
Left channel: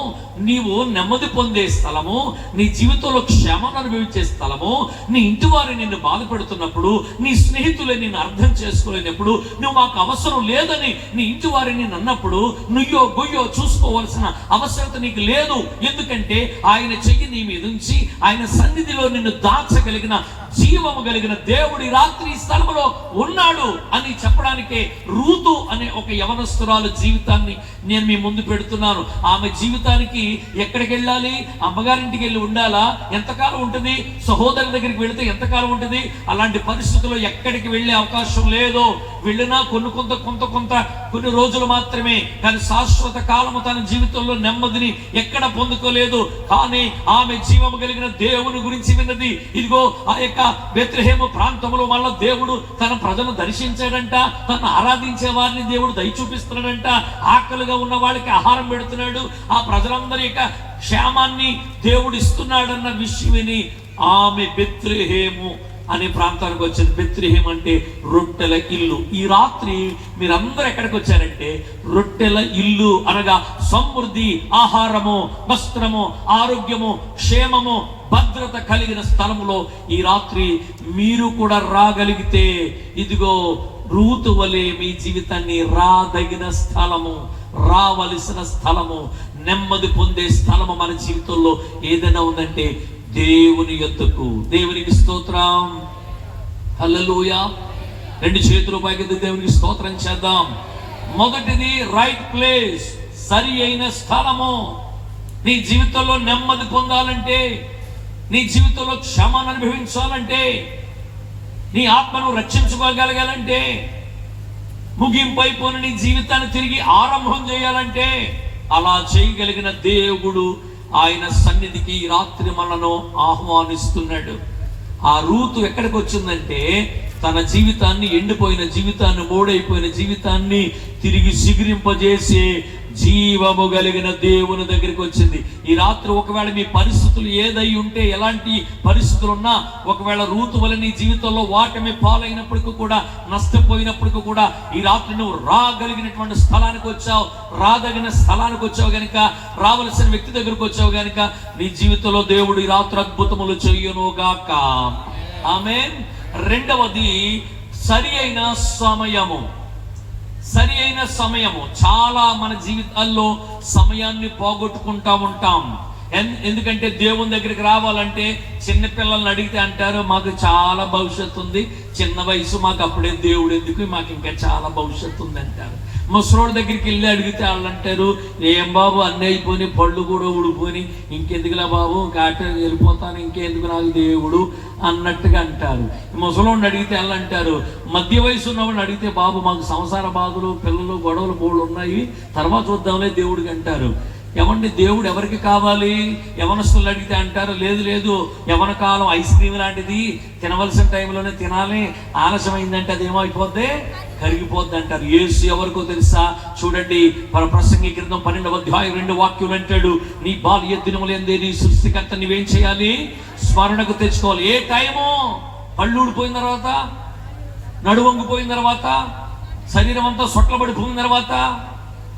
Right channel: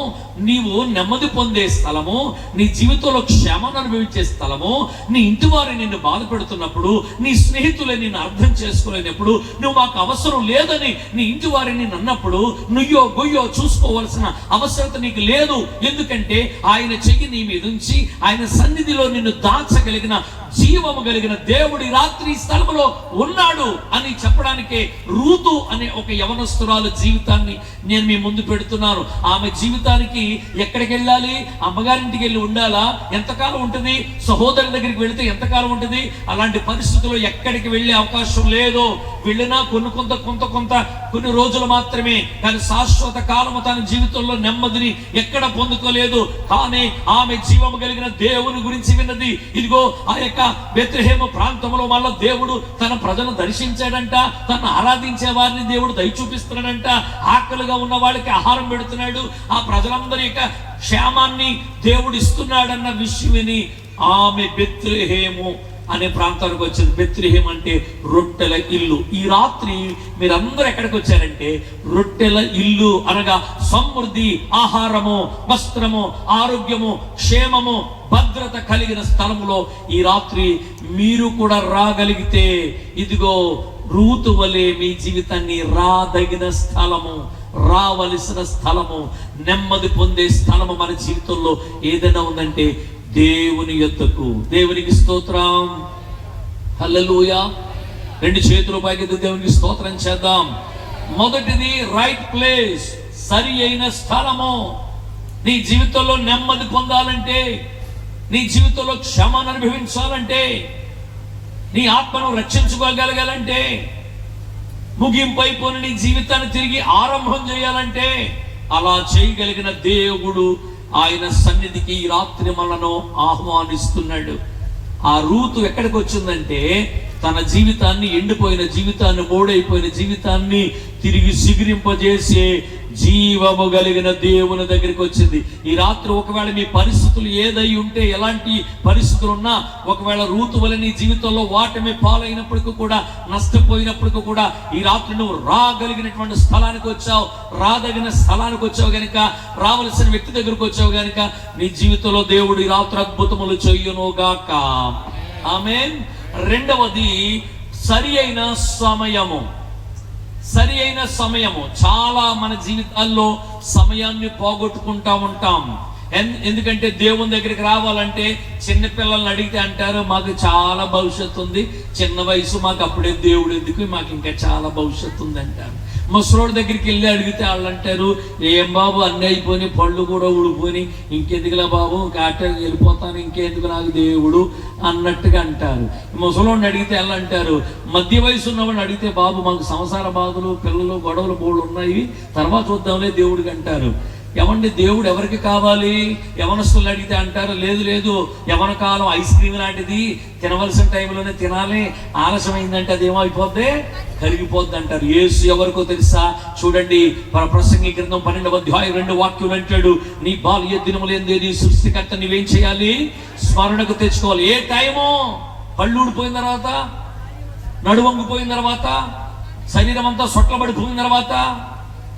నీవు నెమ్మది పొందే స్థలము, నీ జీవితంలో క్షేమాన్ని అనుభవించే స్థలము, నీ ఇంటి వారు నిన్ను బాధపెడుతున్నప్పుడు, నీ స్నేహితులే నిన్ను అర్థం చేసుకోలేనప్పుడు, నువ్వు మాకు అవసరం లేదని నీ ఇంటి వారిని అన్నప్పుడు నుయ్యో గొయ్యో చూసుకోవాల్సిన అవసరత నీకు లేదు. ఎందుకంటే ఆయన చెయ్యి నీ మీద ఉంచి ఆయన సన్నిధిలో నిన్ను దాచగలిగిన జీవము కలిగిన దేవుడి రాత్రి స్థలంలో ఉన్నాడు అని చెప్పడానికే రూతు అనే ఒక యవనస్తురాలు జీవితాన్ని నేను మీ ముందు పెడుతున్నాను. ఆమె జీవితానికి ఎక్కడికి వెళ్ళాలి? అమ్మగారింటికి వెళ్ళి ఉండాలా? ఎంతకాలం ఉంటుంది? సహోదరుల దగ్గరికి వెళితే ఎంతకాలం ఉంటుంది? అలాంటి పరిస్థితుల్లో ఎక్కడికి వెళ్ళే అవకాశం లేదు. వెళ్ళినా కొన్ని రోజులు మాత్రమే, కానీ శాశ్వత కాలము తన జీవితంలో నెమ్మదిని ఎక్కడ పొందుకోలేదు. కానీ ఆమె జీవము కలిగిన దేవుని గురించి విన్నది. ఇదిగో ఆ యొక్క బెత్లెహేము ప్రాంతంలో వల్ల దేవుడు తన ప్రజలను దర్శించాడంట, తను ఆరాధించే వారిని దేవుడు దయ చూపిస్తున్నాడంట, ఆకలిగా ఉన్న వాళ్ళకి ఆహారం పెడుతున్నాడు, ఆ ప్రజలందరి యొక్క క్షేమాన్ని దేవుడు ఇస్తున్నాడన్న విషయం విని ఆమె బెత్లెహేము అనే ప్రాంతానికి వచ్చింది. బెత్లెహేం అంటే రొట్టెల ఇల్లు. ఈ రాత్రి మీరందరూ ఎక్కడికి వచ్చారంటే రొట్టెల ఇల్లు అనగా సమృద్ధి, ఆహారము, వస్త్రము, ఆరోగ్యము, క్షేమము, భద్రత కలిగిన స్థలంలో ఈ రాత్రి మీరు కూడా రాగలిగితే, ఇదిగో రూతు వలె మీ జీవితాన్ని రాదగిన స్థలము, రావలసిన స్థలము, నెమ్మది పొందే స్థలము మన జీవితంలో ఏదైనా ఉందంటే దేవుని యొద్దకు. దేవునికి స్తోత్రం, హల్లెలూయా. 2 చేతులు పైకెత్తి దేవునికి స్తోత్రం చేద్దాం. మొదటిది రైట్ ప్లేస్, సరి అయిన స్థలము. నీ జీవితంలో నెమ్మది పొందాలంటే నీ జీవితంలో క్షమాన్ని అనుభవించాలంటే, నీ ఆత్మను రక్షించుకోగలగాలంటే, ముగింపు అయిపోయిన నీ జీవితాన్ని తిరిగి ఆరంభం చేయాలంటే, అలా చేయగలిగిన దేవుడు ఆయన సన్నిధికి ఈ రాత్రి మనను ఆహ్వానిస్తున్నాడు. ఆ రూతు ఎక్కడికి వచ్చిందంటే, తన జీవితాన్ని, ఎండిపోయిన జీవితాన్ని, మోడైపోయిన జీవితాన్ని తిరిగి సిగురింపజేసి జీవము కలిగిన దేవుని దగ్గరికి వచ్చింది. ఈ రాత్రి ఒకవేళ మీ పరిస్థితులు ఏదై ఉంటే, ఎలాంటి పరిస్థితులు ఉన్నా, ఒకవేళ రూతు వల్ల నీ జీవితంలో వాటమి పాలైనప్పటికీ కూడా, నష్టపోయినప్పటికీ కూడా, ఈ రాత్రి నువ్వు రాగలిగినటువంటి స్థలానికి వచ్చావు, రాదగిన స్థలానికి వచ్చావు గనుక, రావలసిన వ్యక్తి దగ్గరకు వచ్చావు గనుక, నీ జీవితంలో దేవుడు ఈ రాత్రి అద్భుతములు చెయ్యునుగాక. ఆమేన్. రెండవది సరి అయిన సమయము. సరి అయిన సమయము. చాలా మన జీవితాల్లో సమయాన్ని పోగొట్టుకుంటా ఉంటాం. ఎందుకంటే దేవుని దగ్గరికి రావాలంటే చిన్నపిల్లల్ని అడిగితే అంటారు, మాకు చాలా భవిష్యత్తు ఉంది, చిన్న వయసు, మాకు అప్పుడే దేవుడు ఎందుకు, మాకు ఇంకా చాలా భవిష్యత్తు ఉంది అంటారు. ముసలోడి దగ్గరికి వెళ్ళి అడిగితే వాళ్ళు అంటారు, ఏం బాబు అన్నీ అయిపోయి, పళ్ళు కూడా ఊడిపోయి, ఇంకెందుకులా బాబు, కాటకి వెళ్ళిపోతాను, ఇంకెందుకు నాకు దేవుడు అన్నట్టుగా అంటారు. ముసలోడిని అడిగితే వాళ్ళు అంటారు, మధ్య వయసు ఉన్నవాడిని అడిగితే, బాబు మాకు సంసార బాధలు, పిల్లలు, గొడవలు బోళ్ళు ఉన్నాయి, తర్వాత చూద్దాంలే దేవుడికి అంటారు. ఏమండి, దేవుడు ఎవరికి కావాలి? యవనస్తులు అడిగితే అంటారు, లేదు లేదు, యవన కాలం ఐస్ క్రీమ్ లాంటిది, తినవలసిన టైంలోనే తినాలి, ఆలస్యమైందంటే అదేమో అయిపోద్ది, కరిగిపోద్ది అంటారు. యేసు ఎవరికో తెలుసా? చూడండి, ప్రసంగి గ్రంథం 12వ అధ్యాయం 2వ వాక్యం అంటాడు, నీ బాల్య దినములందే నీ సృష్టికర్త నువ్వేం చేయాలి? స్మరణకు తెచ్చుకోవాలి. ఏ టైము? పళ్ళు ఊడిపోయిన తర్వాత, నడువంగిపోయిన తర్వాత, శరీరం అంతా సొట్లబడిపోయిన తర్వాత,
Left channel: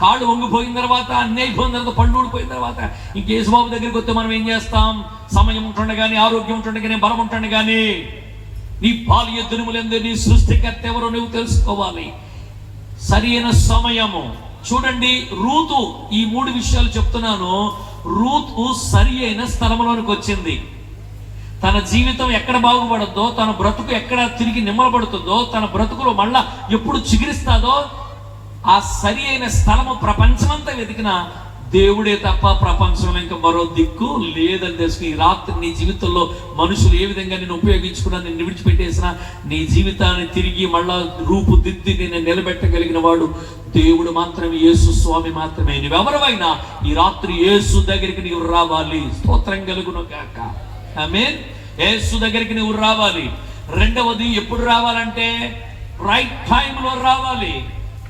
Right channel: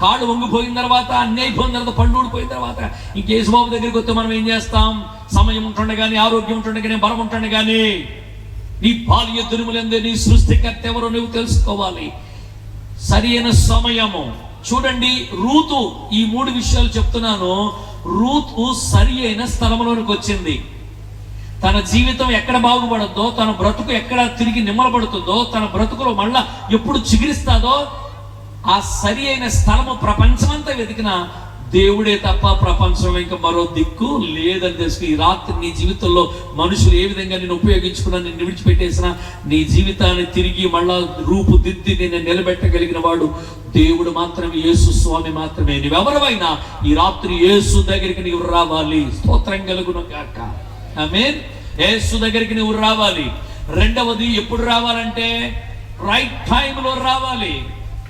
కాళ్ళు వంగిపోయిన తర్వాత, అన్నీ అయిపోయిన తర్వాత, పళ్ళు ఊడిపోయిన తర్వాత, ఇంకేసుబాబు దగ్గరికి వస్తే మనం ఏం చేస్తాం? సమయం ఉంటుండగానే, ఆరోగ్యం ఉంటుండగానే, బలం ఉంటుండగానే, నీ బాల్య దినములందే నీ సృష్టికర్త ఎవరో నువ్వు తెలుసుకోవాలి. సరి అయిన సమయము. చూడండి, రూతు, ఈ 3 విషయాలు చెప్తున్నాను. రూతు సరి అయిన స్థలంలోనికి వచ్చింది. తన జీవితం ఎక్కడ బాగుపడద్దో, తన బ్రతుకు ఎక్కడ తిరిగి నిమ్మలపడుతుందో, తన బ్రతుకులో మళ్ళా ఎప్పుడు చిగురిస్తాదో, ఆ సరి అయిన స్థలము ప్రపంచమంతా వెతికిన దేవుడే తప్ప ప్రపంచంలో ఇంకా మరో దిక్కు లేదని తెలుసు. ఈ రాత్రి నీ జీవితంలో మనుషులు ఏ విధంగా నేను ఉపయోగించుకున్నా, నిన్ను విడిచిపెట్టేసిన, నీ జీవితాన్ని తిరిగి మళ్ళా రూపుదిద్ది నేను నిలబెట్టగలిగిన వాడు దేవుడు మాత్రమే, యేసు స్వామి మాత్రమే. నువ్వెవరైనా ఈ రాత్రి యేసు దగ్గరికి నీవు రావాలి. స్తోత్రం కలుగును గాక. ఆమేన్. యేసు దగ్గరికి నువ్వు రావాలి. రెండవది, ఎప్పుడు రావాలంటే రైట్ టైంలో రావాలి.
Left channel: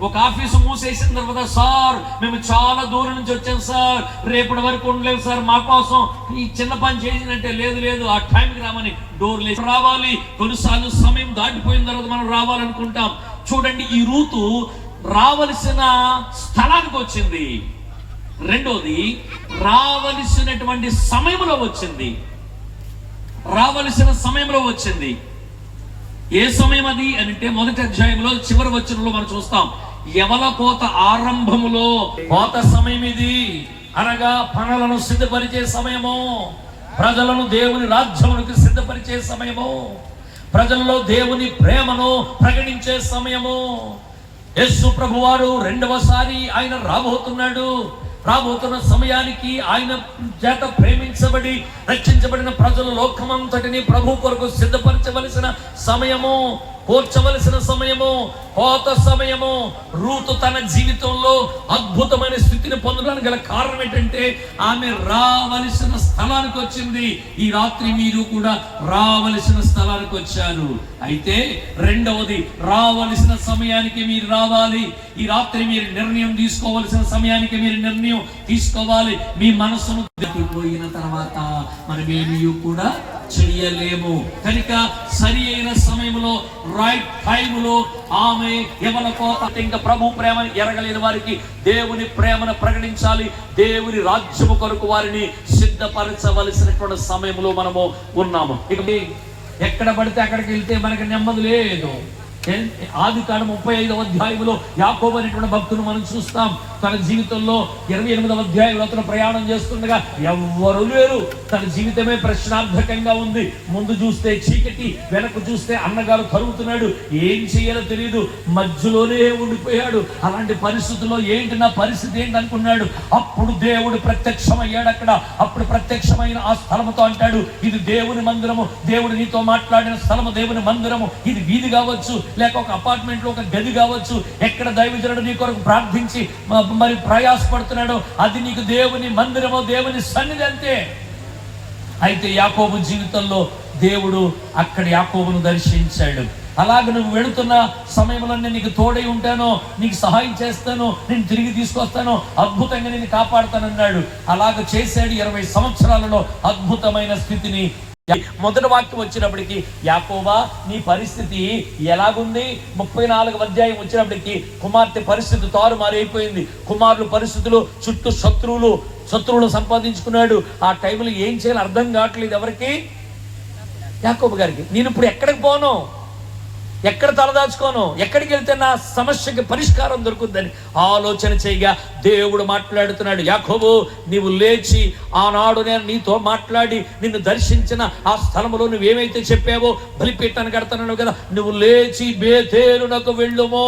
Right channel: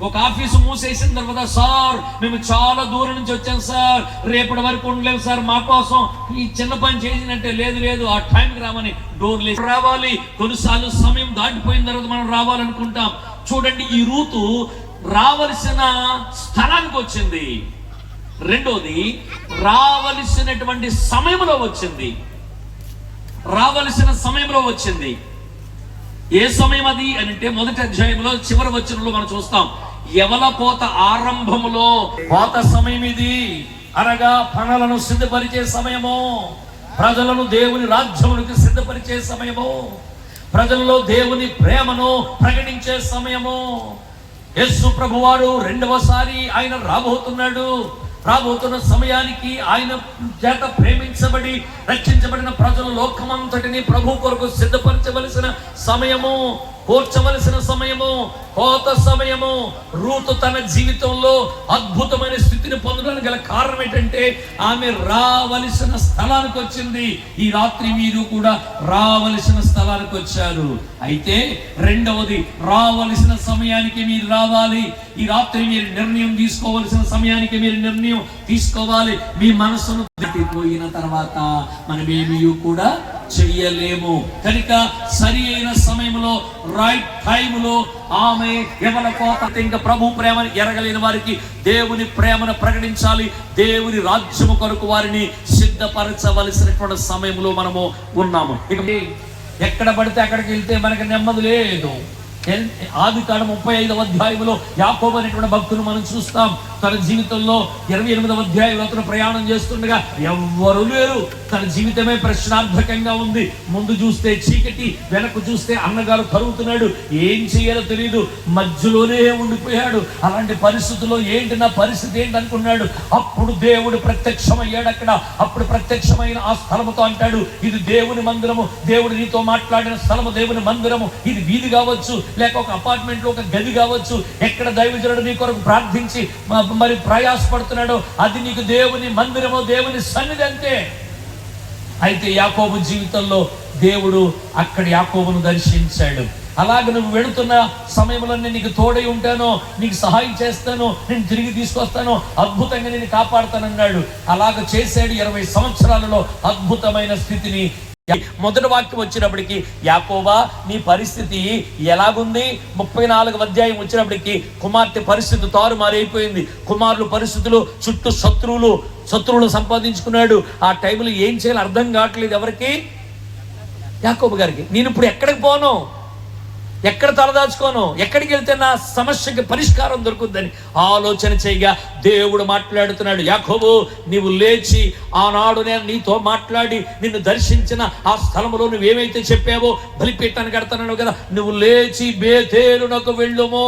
ఒక ఆఫీసు మూసేసిన తర్వాత, సార్ మేము చాలా దూరం నుంచి వచ్చాం సార్, రేపటి వరకు ఉండలేము సార్, మా కోసం ఈ చిన్న పని చేసినట్టే, లేదు లేదు ఆ టైంకి రామని డోర్ లేసి రావాలి. కొన్నిసార్లు సమయం దాటిపోయిన తర్వాత మనం రావాలనుకుంటాం. చూడండి, ఈ రూతు రావలసిన స్థలానికి వచ్చింది. రెండోది, రావలసినటువంటి సమయంలో వచ్చింది. రావలసిన సమయంలో వచ్చింది. ఏ సమయం అది అని అంటే, మొదటి అధ్యాయంలో చివరి వచనంలో మనం చూస్తాం, యవన కోత ఆరంభములో కోత సమయం ఇది, అనగా పనులను సిద్ధపరిచే సమయము, ప్రజలను దేవుని రాజ్యమునికి సిద్ధపరిచే సమయము, ప్రజల్లో దేవుని ప్రేమను ప్రకటించే సమయము. యేసు ప్రభువారు రెండవసారి ఆయన రాబోతున్న సమయానికి ఆయన చేత ప్రేమించబడి రక్షించబడిన ప్రజలు లోకమంతటిని ప్రభు కొరకు సిద్ధపరచవలసిన సమయము, కోర్చవలసిన సమయము, కోత సమయము. రూతు తన జీవితంలో అద్భుతమైన స్థితిని పొందడానికి గల కారణం ఏంటంటే, ఆమె రావలసిన స్థలానికి వచ్చింది. ఈ రాత్రి మీరు కూడా రావలసిన స్థలానికి వచ్చారు. అయితే రెండవది, రావలసిన సమయానికి మీరు రావాలి. ఈ రాత్రి మీరు నిర్ణయం తీసుకోవలసిన సమయానికి మీరు నిర్ణయం తీసుకోవాలి. మీ మనసును పోయిన తర్వాత మనమేమీ కూడా చెయ్యలేము. కనుక సరి అయిన సమయంలో, రైట్ టైంలో ఆమె యవన కోత, ఇంకా ప్రభు ప్రేమని ఎరగలేని వారికి దేవుని ప్రేమను ప్రకటించాలి. దేవుని రాజ్యము కొరకు వారిని సిద్ధపరచవలసినటువంటి సమయంలో మనము ఉన్నాము. ఇక ఎక్కడ పడితే అక్కడికి వెళ్తే మనకి నెమ్మది లేదు. ఆదికాండం 35వ అధ్యాయంలో యాకోబు అనేటువంటి భక్తులు మనం చూస్తాం. తన జీవితంలో 28వ అధ్యాయంలో అతను ప్రయాణం చేస్తుండగా ఎవ్వరు లేరు. తన జీవితమే ప్రశ్నార్థకంగా ఉంది. ముందు చూస్తే చీకటి, వెనక్కు చూస్తే అన్నగారు కరుగుతున్నాడు, ఏం చేయాలో తెలియదు, మధ్యలోనే ఉండిపోయాడు. అలాంటి పరిస్థితుల్లో ఏంటి నా పరిస్థితి ఏంటి అనుకున్నాడు. అప్పుడు దేవుడు ప్రత్యక్షమయ్యాడు అక్కడ. అప్పుడు ప్రత్యక్షమైన ఆ స్థలముతో అంటాడు, ఇది దేవుని మందిరము, దేవుడు నీతో మాట్లాడిన స్థలము దేవుని మందిరము. ఇది వీధి కావచ్చు, లేక ఒక అపార్ట్మెంట్ లో ఒక గది కావచ్చు, ఎక్కడ దైవజనుడు నీ కొరకు ప్రార్థించి మరి ప్రయాసపడుతున్నాడో అది నీకు దేవుని మందిరము, దేవుని సన్నిధి అంతే. అయితే యాకోబు జీవితంలో దేవుడు అక్కడ యాకోబును దర్శించాడు. అలాగే నువ్వు వెళుతున్న సమయంలో నేను నీకు తోడై ఉంటానో, నీకు సహాయం చేస్తాను, నేను తిరిగి తీసుకొస్తాను, అద్భుతంగా నేను కాపాడుతానన్నాడు. అలాగ చేశాడు. 20 సంవత్సరాలలో అద్భుతమైన స్థితిని. మొదటి వాక్యం వచ్చినప్పటికి, యాకోబా నీ పరిస్థితి ఎలాగుంది? 34వ అధ్యాయం వచ్చినప్పటికి కుమార్తె పరిస్థితి తారుమారైపోయింది. కుమారులు పరిస్థితులు, చుట్టూ శత్రువులు సంపాదించుకున్నాడు. ఆ టైంలో ఏం చేయాలో అర్థం కావట్లేదు ఎవరికి? యాకోబు గారికి. నేను ఇప్పుడు ఎక్కడికి పోను, ఎక్కడ తలదాచుకోను, ఎక్కడికి వెళ్తే నా సమస్యకి పరిష్కారం దొరుకుతుందని ఆలోచన చేయగా దేవుడు మాట్లాడుతున్నాడు, యాకోబు నీవు లేచి, ఆనాడు నేను నీతో మాట్లాడి నిన్ను దర్శించిన ఆ స్థలంలో నువ్వేమైతే చెప్పావో బలిపీఠాన్ని కడతాను కదా, నువ్వు లేచి బేతేలునకు వెళ్ళుమో.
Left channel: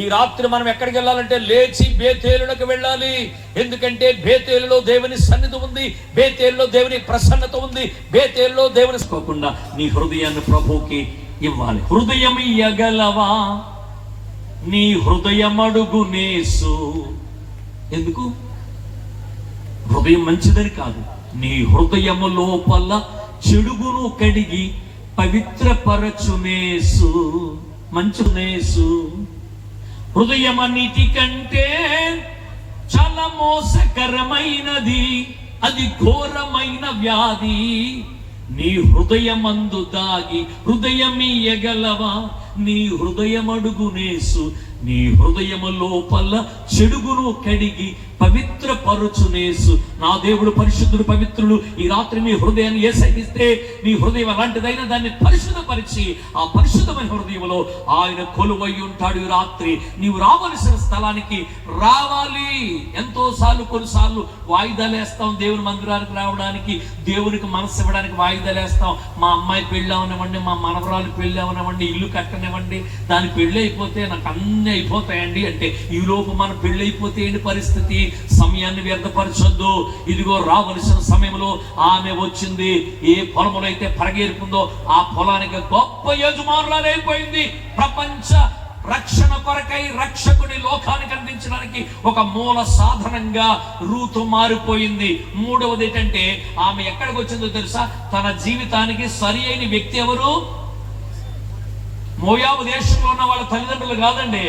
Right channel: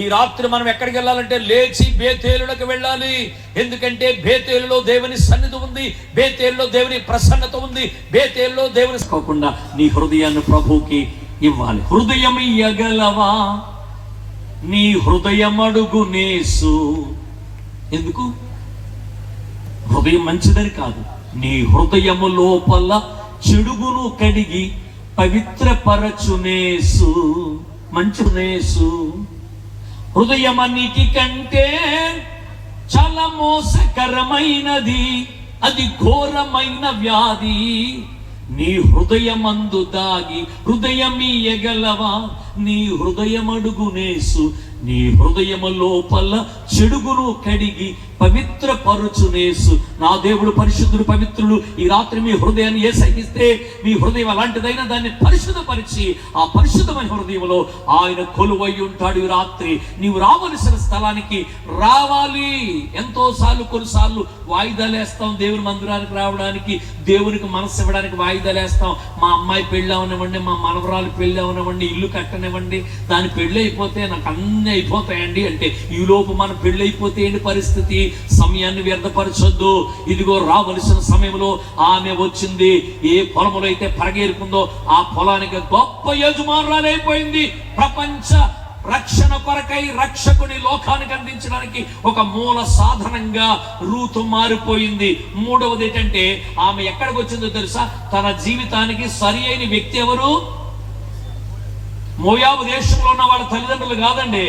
ఈ రాత్రి మనం ఎక్కడికి వెళ్ళాలంటే లేచి బేతేలునకు వెళ్ళాలి. ఎందుకంటే బేతేలులో దేవుని సన్నిధి ఉంది, బేతేలులో దేవుని ప్రసన్నత ఉంది, బేతేలులో దేవుని కాకుండా నీ హృదయాన్ని ప్రభువుకి ఇవ్వాలి. హృదయం ఇయ్యగలవా? నీ హృదయం అడుగునేసు. ఎందుకు? హృదయం మంచిదని కాదు, నీ హృదయము లోపల చెడుగును కడిగి పవిత్రపరచునేసు, మంచునేసు. హృదయం అన్నిటికంటే చాలా మోసకరమైనది, అది ఘోరమైన వ్యాధి. నీ హృదయమందు దాగి హృదయమియ్యగలవా? నీ హృదయం అడుగునేసు. నీ హృదయము లోపల చెడుగును కడిగి పవిత్రపరచునేసు. నా దేవుడు పరిశుద్ధుడు, పవిత్రుడు. ఈ రాత్రి మీ హృదయాన్ని ఏసైకిస్తే మీ హృదయం అలాంటిదైనా దాన్ని పరిశుద్ధపరిచి ఆ పరిశుద్ధమైన హృదయంలో ఆయన కొలువై ఉంటాడు. ఈ రాత్రి నీవు రావలసిన స్థలానికి రావాలి. ఎంతో సార్లు, కొన్నిసార్లు వాయిదాలు వేస్తాం దేవుని మందిరానికి రావడానికి, దేవునికి మనసు ఇవ్వడానికి వాయిదాలు వేస్తాం. మా అమ్మాయి పెళ్ళి అవనివ్వండి, మా మనవరాలు పెళ్ళి అవనివ్వండి, ఇల్లు కట్టనివ్వండి, దాని పెళ్ళి అయిపోతే నాకు అన్ని అయిపోతాయండి అంటే, ఈ లోపు మన పెళ్ళి అయిపోతే ఏంటి పరిస్థితి? సమయాన్ని వ్యర్థపరచొద్దు. ఇదిగో రావలసిన సమయంలో ఆమె వచ్చింది. ఏ పొలములో అయితే పరగేరుకుందో ఆ పొలానికి గొప్ప యజమానురాలైపోయింది. ప్రపంచ రక్షణ కొరకై రక్షకుని లోకానికి అందించడానికి ఒక మూల సాధనంగా రూతు మారిపోయింది. మూడవది ఏంటంటే, ఆమె ఎక్కడికి వచ్చిందో తెలుసా? తన జీవితానికి సరి అయిన వ్యక్తి ఎవరు? మోయాబు దేశంలో ఉన్న వాళ్ళ తల్లిదండ్రులు కాదండి,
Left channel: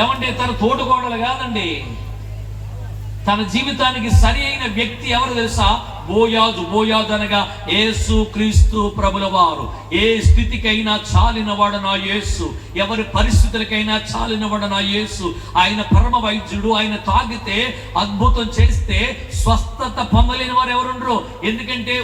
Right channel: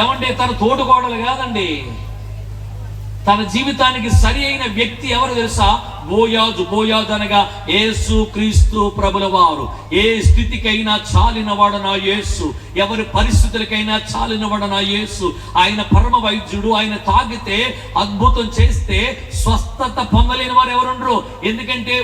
ఏమంటే తన తోడుకోడలు కాదండి. తన జీవితానికి సరి అయిన వ్యక్తి ఎవరు తెలుసా? బోయాజు. బోయాజు అనగా యేసు క్రీస్తు ప్రభుల వారు. ఏ స్థితికైనా చాలినవాడు నా యేసు, ఎవరి పరిస్థితులకైనా చాలినవాడు నా యేసు. ఆయన పరమ వైద్యుడు. ఆయన తాగితే అద్భుతం చేస్తే స్వస్థత పొందలేని వారు ఎవరుండరు. ఎందుకంటే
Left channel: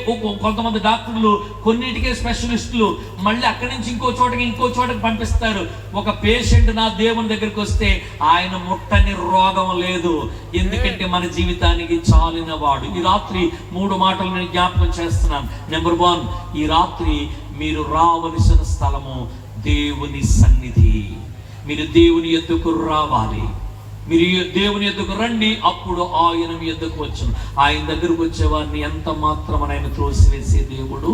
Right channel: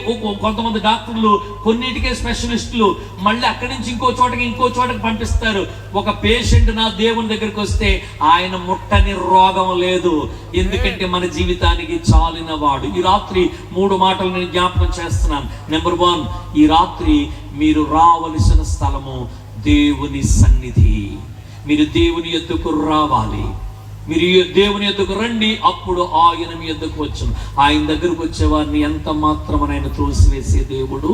కొంతమంది డాక్టర్లు కొన్నిటికే స్పెషలిస్టులు మళ్ళీ అక్కడి నుంచి ఇంకో చోటకి పంపిస్తారు. ఒక పేషెంట్ నా దేవుని దగ్గరికి వస్తే ఆయన ముట్టని రోగం లేదు. ఎందుకంటే మన జీవితానికి చాలినవాడు. ఈ రాత్రి 3 మాటలు నేను జ్ఞాపకం చేస్తున్నాను. నెంబర్ 1, ఈ రాత్రి మీరు రావలసిన స్థలము దేవుని సన్నిధి. మీరు దేవుని యొద్దకు రావాలి. మీరు దేవుని యొద్దకు రండి, అప్పుడు ఆయన మీ యొద్దకు వచ్చును. ఆయన దగ్గరకు వచ్చే వారిని ఎంత మాత్రం ఆయన త్రోసివేసే దేవుడు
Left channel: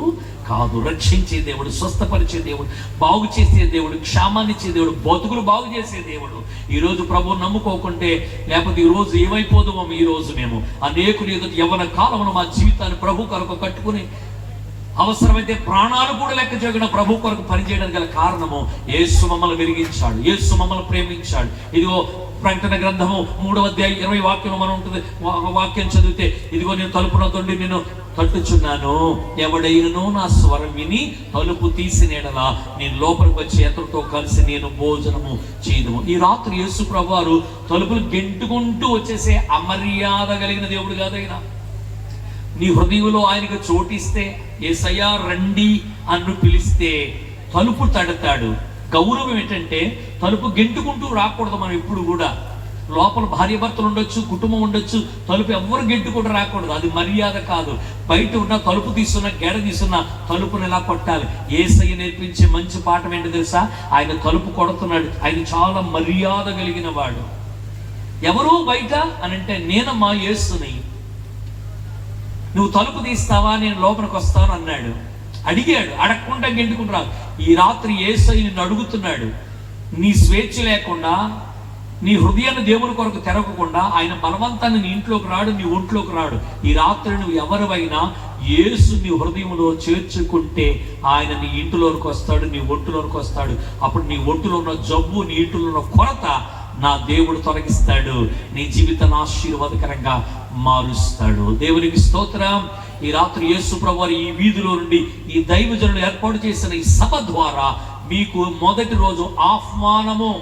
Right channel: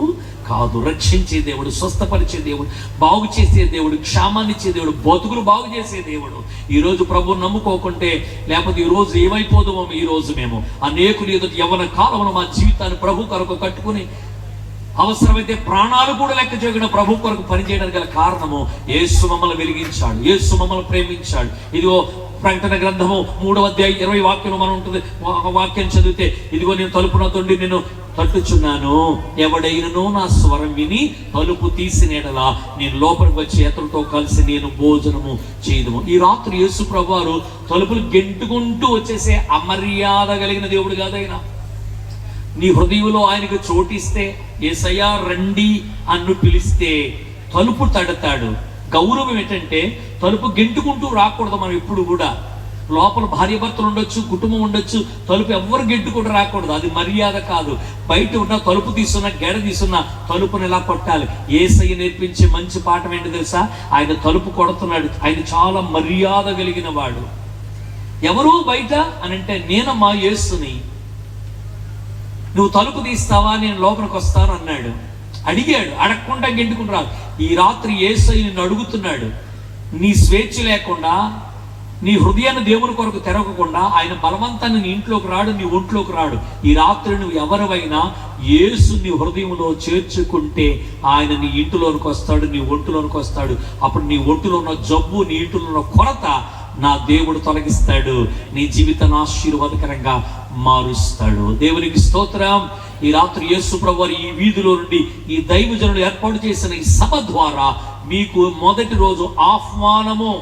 కాదు. రక్షించే దేవుడు, స్వస్థపరిచే దేవుడు, బాగు చేసే దేవుడు, క్షేమాన్నిచ్చే దేవుడు, బతుకులు బాగు చేసే దేవుడు. ఈ రోజు ప్రభువు నమ్ముకోకుంటే, లేకపోతే ఈ రోజు ఏమైపోదామో, ఈ రోజు మేము అనేకులు ఎదుటి యవ్వన కాలంలో మా జీవితాన్ని ప్రభు కొరకు కట్టుకుని అవసరమైతే ప్రాణాలు కూడా లెక్క చేయకుండా ప్రభు కొరకు పనిచేయడానికి గల కారణము యేసు మమ్మల్ని వెలిగించాడు, యేసు మమ్మల్ని ప్రేమించాడు. ఇదిగో ప్రకటన గ్రంథము 3వ అధ్యాయం 20 వాక్యంలో మనం ఉంటుంది. వాక్యం చదివితే, ఇదిగో నేను తలుపున తొండి నేను తట్టుచున్నాను, ఎవడైనను నా స్వరం విని తలుపు తీసినేడలా నేను లోపలికి వచ్చి అతనితో కలిసి నేను భోజనము చేయదుము. ఈ రాత్రి యేసు ప్రభువారు తలుపులు గెంటుకుంటూ వచ్చేసే అమర్యాద కలిగిన దేవుడు కాదైనా. నీ హృదయంలో ఆయనకు చోటిస్తే, యేసయ్యా రండి అన్ను పిలిస్తే తలుపు తడతాడు. గౌరవం ఏంటంటే తలుపు గెంటుకుంటూ రాకూడదు. మనం ఇప్పుడు కూడా లోపల భార్య భర్తలు ఉండొచ్చు, కుటుంబం ఉండొచ్చు, తలుపు ఎవ్వరు గెంటుకుంటూ రాకూడదు. అది మర్యాద కాదు. బయట ఉన్న తలుపు తీసుకున్న గెడ తీసుకున్న తలుపుని ఇలా కొట్టాలి. యేసయ్య నేర్పించే మంచి పాఠం ఏంటి తెలుసా? ఆయన తలుపు కొడుతున్నాడు. ఆయన చాలా మర్యాద కలిగిన వాడు. ఎవరు బయట అని అంటే, నేనమ్మా యేసుని, నువ్వు తలుపు తీస్తావా, నేను లోపలికి వస్తాను అన్నాడు. అడిగాడు, అడగకుండా గెంటుకుని రాదు. ఈ రాత్రి యేసయ్య నిన్ను అడుగుతున్నాడు. నీ స్వేచ్ఛ లేకుండా, నీ హృదయాన్ని దేవుని కొరకు తెరవకుండా ఆయన బలవంతాన్ని నీ ఇంట్లోకి రాడు, నీ ఒంట్లోకి రాడు. ఈ రాత్రి నువ్వు ఎవరివైనా యేసు నీ హృదయంలో చేర్చుకుంటే ఆయన నీ ఇంటిలోనికి వస్తాడు, నీ ఒంటిలోనికి వస్తాడు. అప్పుడు నీ ఒంటిలో ఉన్న జబ్బు, నీ ఇంటిలో ఉన్న కొరత నా దేవుడు తొలగిస్తాడు. నీ జీవితాన్ని ఆశీర్వాదకరంగా మారుస్తాడు. దేవునికి స్తోత్రం. ఈ రాత్రి యేసు ప్రభువారు ఈ వీధిలో నుండి ఈ దైవజనులు ఏర్పాటు చేసిన ఈ సభ ద్వారా మీకు మొదటి రోజు ఆహ్వానము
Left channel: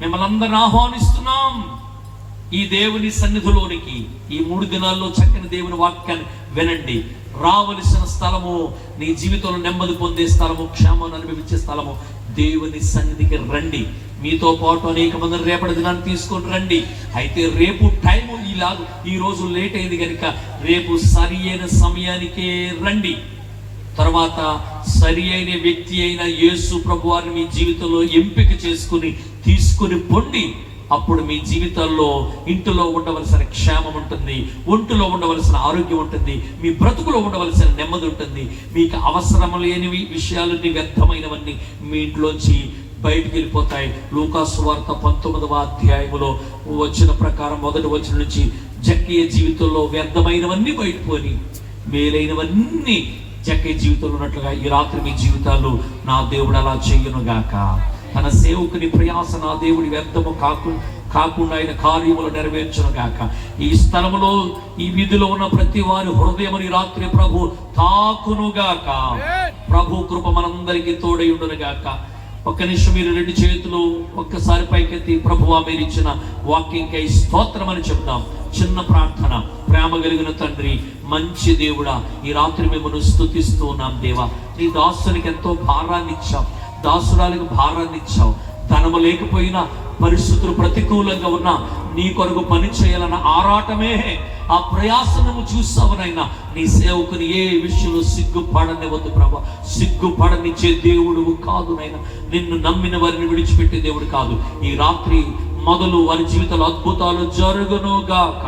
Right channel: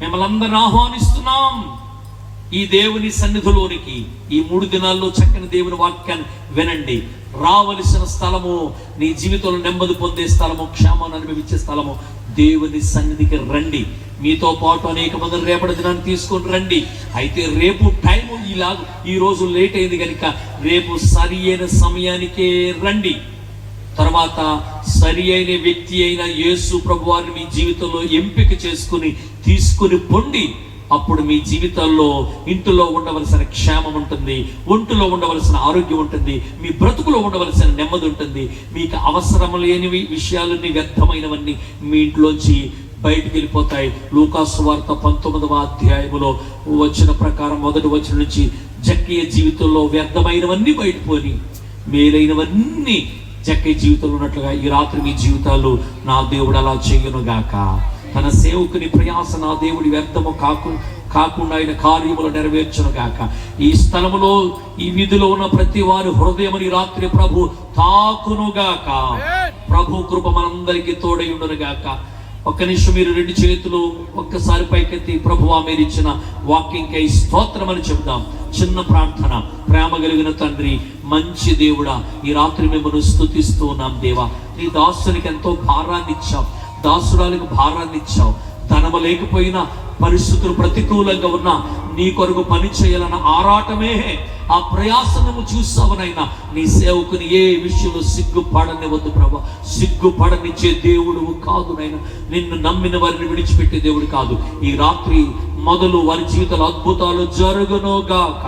మిమ్మల్ని అందరిని ఆహ్వానిస్తున్నాం ఈ దేవుని సన్నిధిలోనికి. ఈ 3 దినాల్లో చక్కని దేవుని వాక్యాన్ని వినండి. రావలసిన స్థలము, నీ జీవితంలో నెమ్మది పొందే స్థలము, క్షేమాన్ని అనుభవించే స్థలము, దేవుని సన్నిధికి రండి. మీతో పాటు అనేక మంది రేపటి దినాన్ని తీసుకొని రండి. అయితే రేపు టైం ఈ రోజు లేట్ అయింది కనుక రేపు సరి అయిన సమయానికే రండి. తర్వాత సరి అయిన వ్యక్తి అయిన యేసు ప్రభువారిని మీ జీవితంలో ఎంపిక చేసుకుని తీసుకుని పొండి. అప్పుడు మీ జీవితాల్లో ఇంటిలో ఉండవలసిన క్షేమం ఉంటుంది, ఒంటిలో ఉండవలసిన ఆరోగ్యం ఉంటుంది, మీ బ్రతుకులో ఉండవలసిన నెమ్మది ఉంటుంది. మీకు అవసరం లేనివి విషయాలన్నీ వ్యర్థమైనవన్నీ మీ ఇంట్లోంచి బయటికి వెళ్ళిపోతాయి. లూకాసు సువార్త 19వ అధ్యాయములో వచ్చిన ప్రకారం 1వ వచనం నుంచి జక్కయ్య జీవితంలో వ్యర్థమైనవన్నీ బయటపోయి మేలైనవన్నీ జక్కయ్య జీవితంలో ఉన్నట్లుగా ఈ రాత్రి మీ జీవితాలు నా దేవుడు అలా చేయను గాక. తన సేవకుని ప్రయాస నా దేవుడి వ్యర్థము కాకుండా ఆయన కార్యములు నెరవేర్చును గాక. ఈ స్థలములో ఈ వీధిలో ఉన్న ప్రతి వారి హృదయముని రాత్రి ప్రభు తాకును గాక. ప్రభు కృప మనందరికీ తోడైండును గాక. ఒక్క నిమిషం మీరు 2 చేతులు ఒక్కసారి పైకెత్తి ప్రభువా మీరు ఇచ్చిన వాక్యంకై స్తోత్రం అని చెప్దాం. చిన్న ప్రార్థన. ప్రేమ కలిగిన తండ్రి, మంచి దేవుడా, ఈ రాత్రి మిమ్మల్ని స్తుతిస్తూ ఉన్నాం. దేవా, నీ దాసునికి ఎంతో భారాన్ని ఇచ్చావు, దాసురాలకు భారాన్ని ఇచ్చావు. ధనము లేకపోయినా, పరిస్థితులు ప్రతికూలంగా ఉన్నా నీ కొరకు పని చేయాలన్న ఆరాటమే ఆ ప్రయాసము చూసావనైనా నీ సేవకుని ఏ విషయంలో సిగ్గుపడనివ్వద్దు ప్రభా. సిగ్గుపడనిచ్చే దేవుడు కాదు నైనా. నిన్ను నమ్మిన వారిని విడిచిపెట్టే దేవుడు కాదు. ఈ రాత్రి మొదలు వారి జీవితంలో అద్భుతాలు జరుగునుగాక.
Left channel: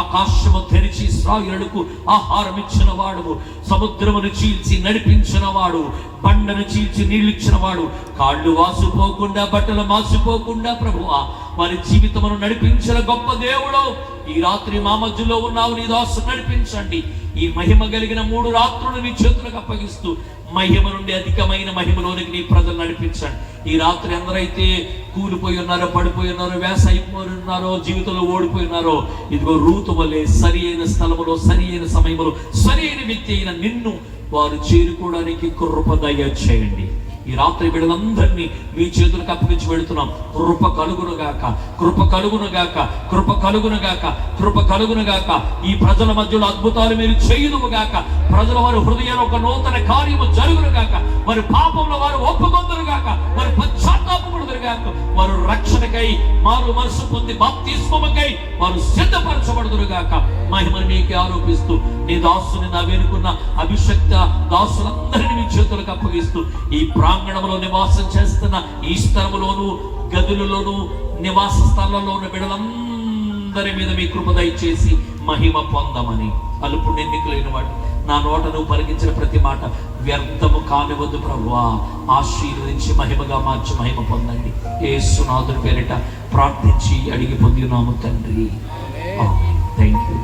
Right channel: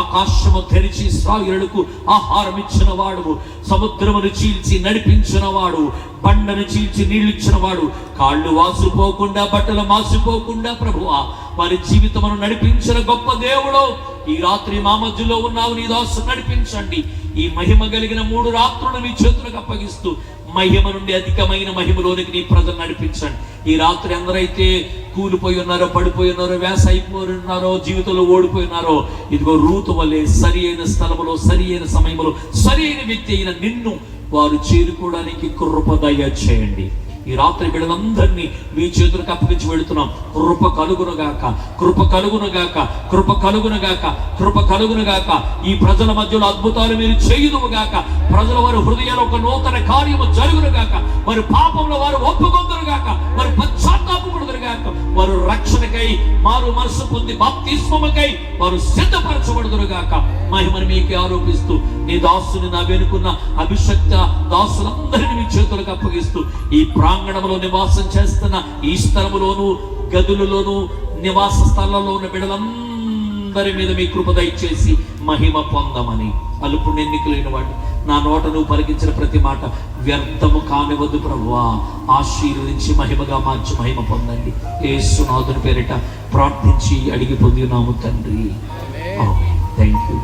ఆకాశము తెరిచి ఇశ్రాయేలుకు ఆహారం ఇచ్చిన వాడు, సముద్రమును చీల్చి నడిపించిన వాడు, బండను చీల్చి నీళ్ళు ఇచ్చిన వాడు, కాళ్ళు వాసిపోకుండా బట్టలు మాసిపోకుండా ప్రభువా వారి జీవితమును నడిపించిన గొప్ప దేవుడు ఈ రాత్రి మా మధ్యలో ఉన్నావు. నీ దాసు నడిపించండి. ఈ మహిమ కలిగిన 3 రాత్రులు నీ చేతులకు అప్పగిస్తూ మహిమ నుండి అధికమైన మహిమలోనికి నీ ప్రజలు నడిపించండి. ఈ రాత్రి అందరైతే కూలిపోయి ఉన్నారో, పడిపోయి ఉన్నారో, వేస అయిపోయి ఉన్నారో, జీవితంలో ఓడిపోయి ఉన్నారో, ఇదిగో రూతు వలె సరి అయిన స్థలములో, సరి అయిన సమయంలో, సరి అయిన వ్యక్తి అయిన నిన్ను వారు చేరుకోవడానికి కృప దయచేయండి. ఈ రాత్రి బిడ్డలందరినీ మీ చేతులకు అప్పగించి వెళుతున్నాం. కృప కలుగునుగాక, కృప కలుగునుగాక, కృప కలుగునుగాక, కృప కలుగునుగాక. ఈ ప్రజల మధ్యలో అద్భుతాలు మీరు చేయుదురుగాక. ప్రజల వారి హృదయంలో ఒక నూతన కార్యము జరుగునుగాక. వారి పాపంలో వారు ఒప్పుకొందురుగాక, వారి పశ్చాత్తాపముడుదురుగాక. వారు రక్షణకై మారు మనసు పొంది బాప్తిస్మముకై వారు సిద్ధపరచబడుదురుగాక. మహిమను మీకే ఆరోపిస్తూ నీ దాసుని నా వెనుకున్న అభిషక్త దాసులందరినీ మీ చేతులకు అప్పగిస్తూ ఈ ప్రాంగణంలో నివాసం చేస్తున్న ఈ స్థలములోను, గదులలోను, నివాస స్థలాల్లో ఉన్న బిడ్డలందరి మీద మీ కృప దయచేసి మహిమ పొందమని. అలుపు ఎన్నికలైన వాడు నా నోట నువ్వు పలికించిన ప్రతి మాట వ్యర్థము కానివద్దు ప్రభువా. ఆశీర్వదించి మహిమగా మార్చి మహిమ పొందండి. యేసునాథుని పేరిట ప్రార్థించి అడిగి పొందినాము తండ్రి. Thank you.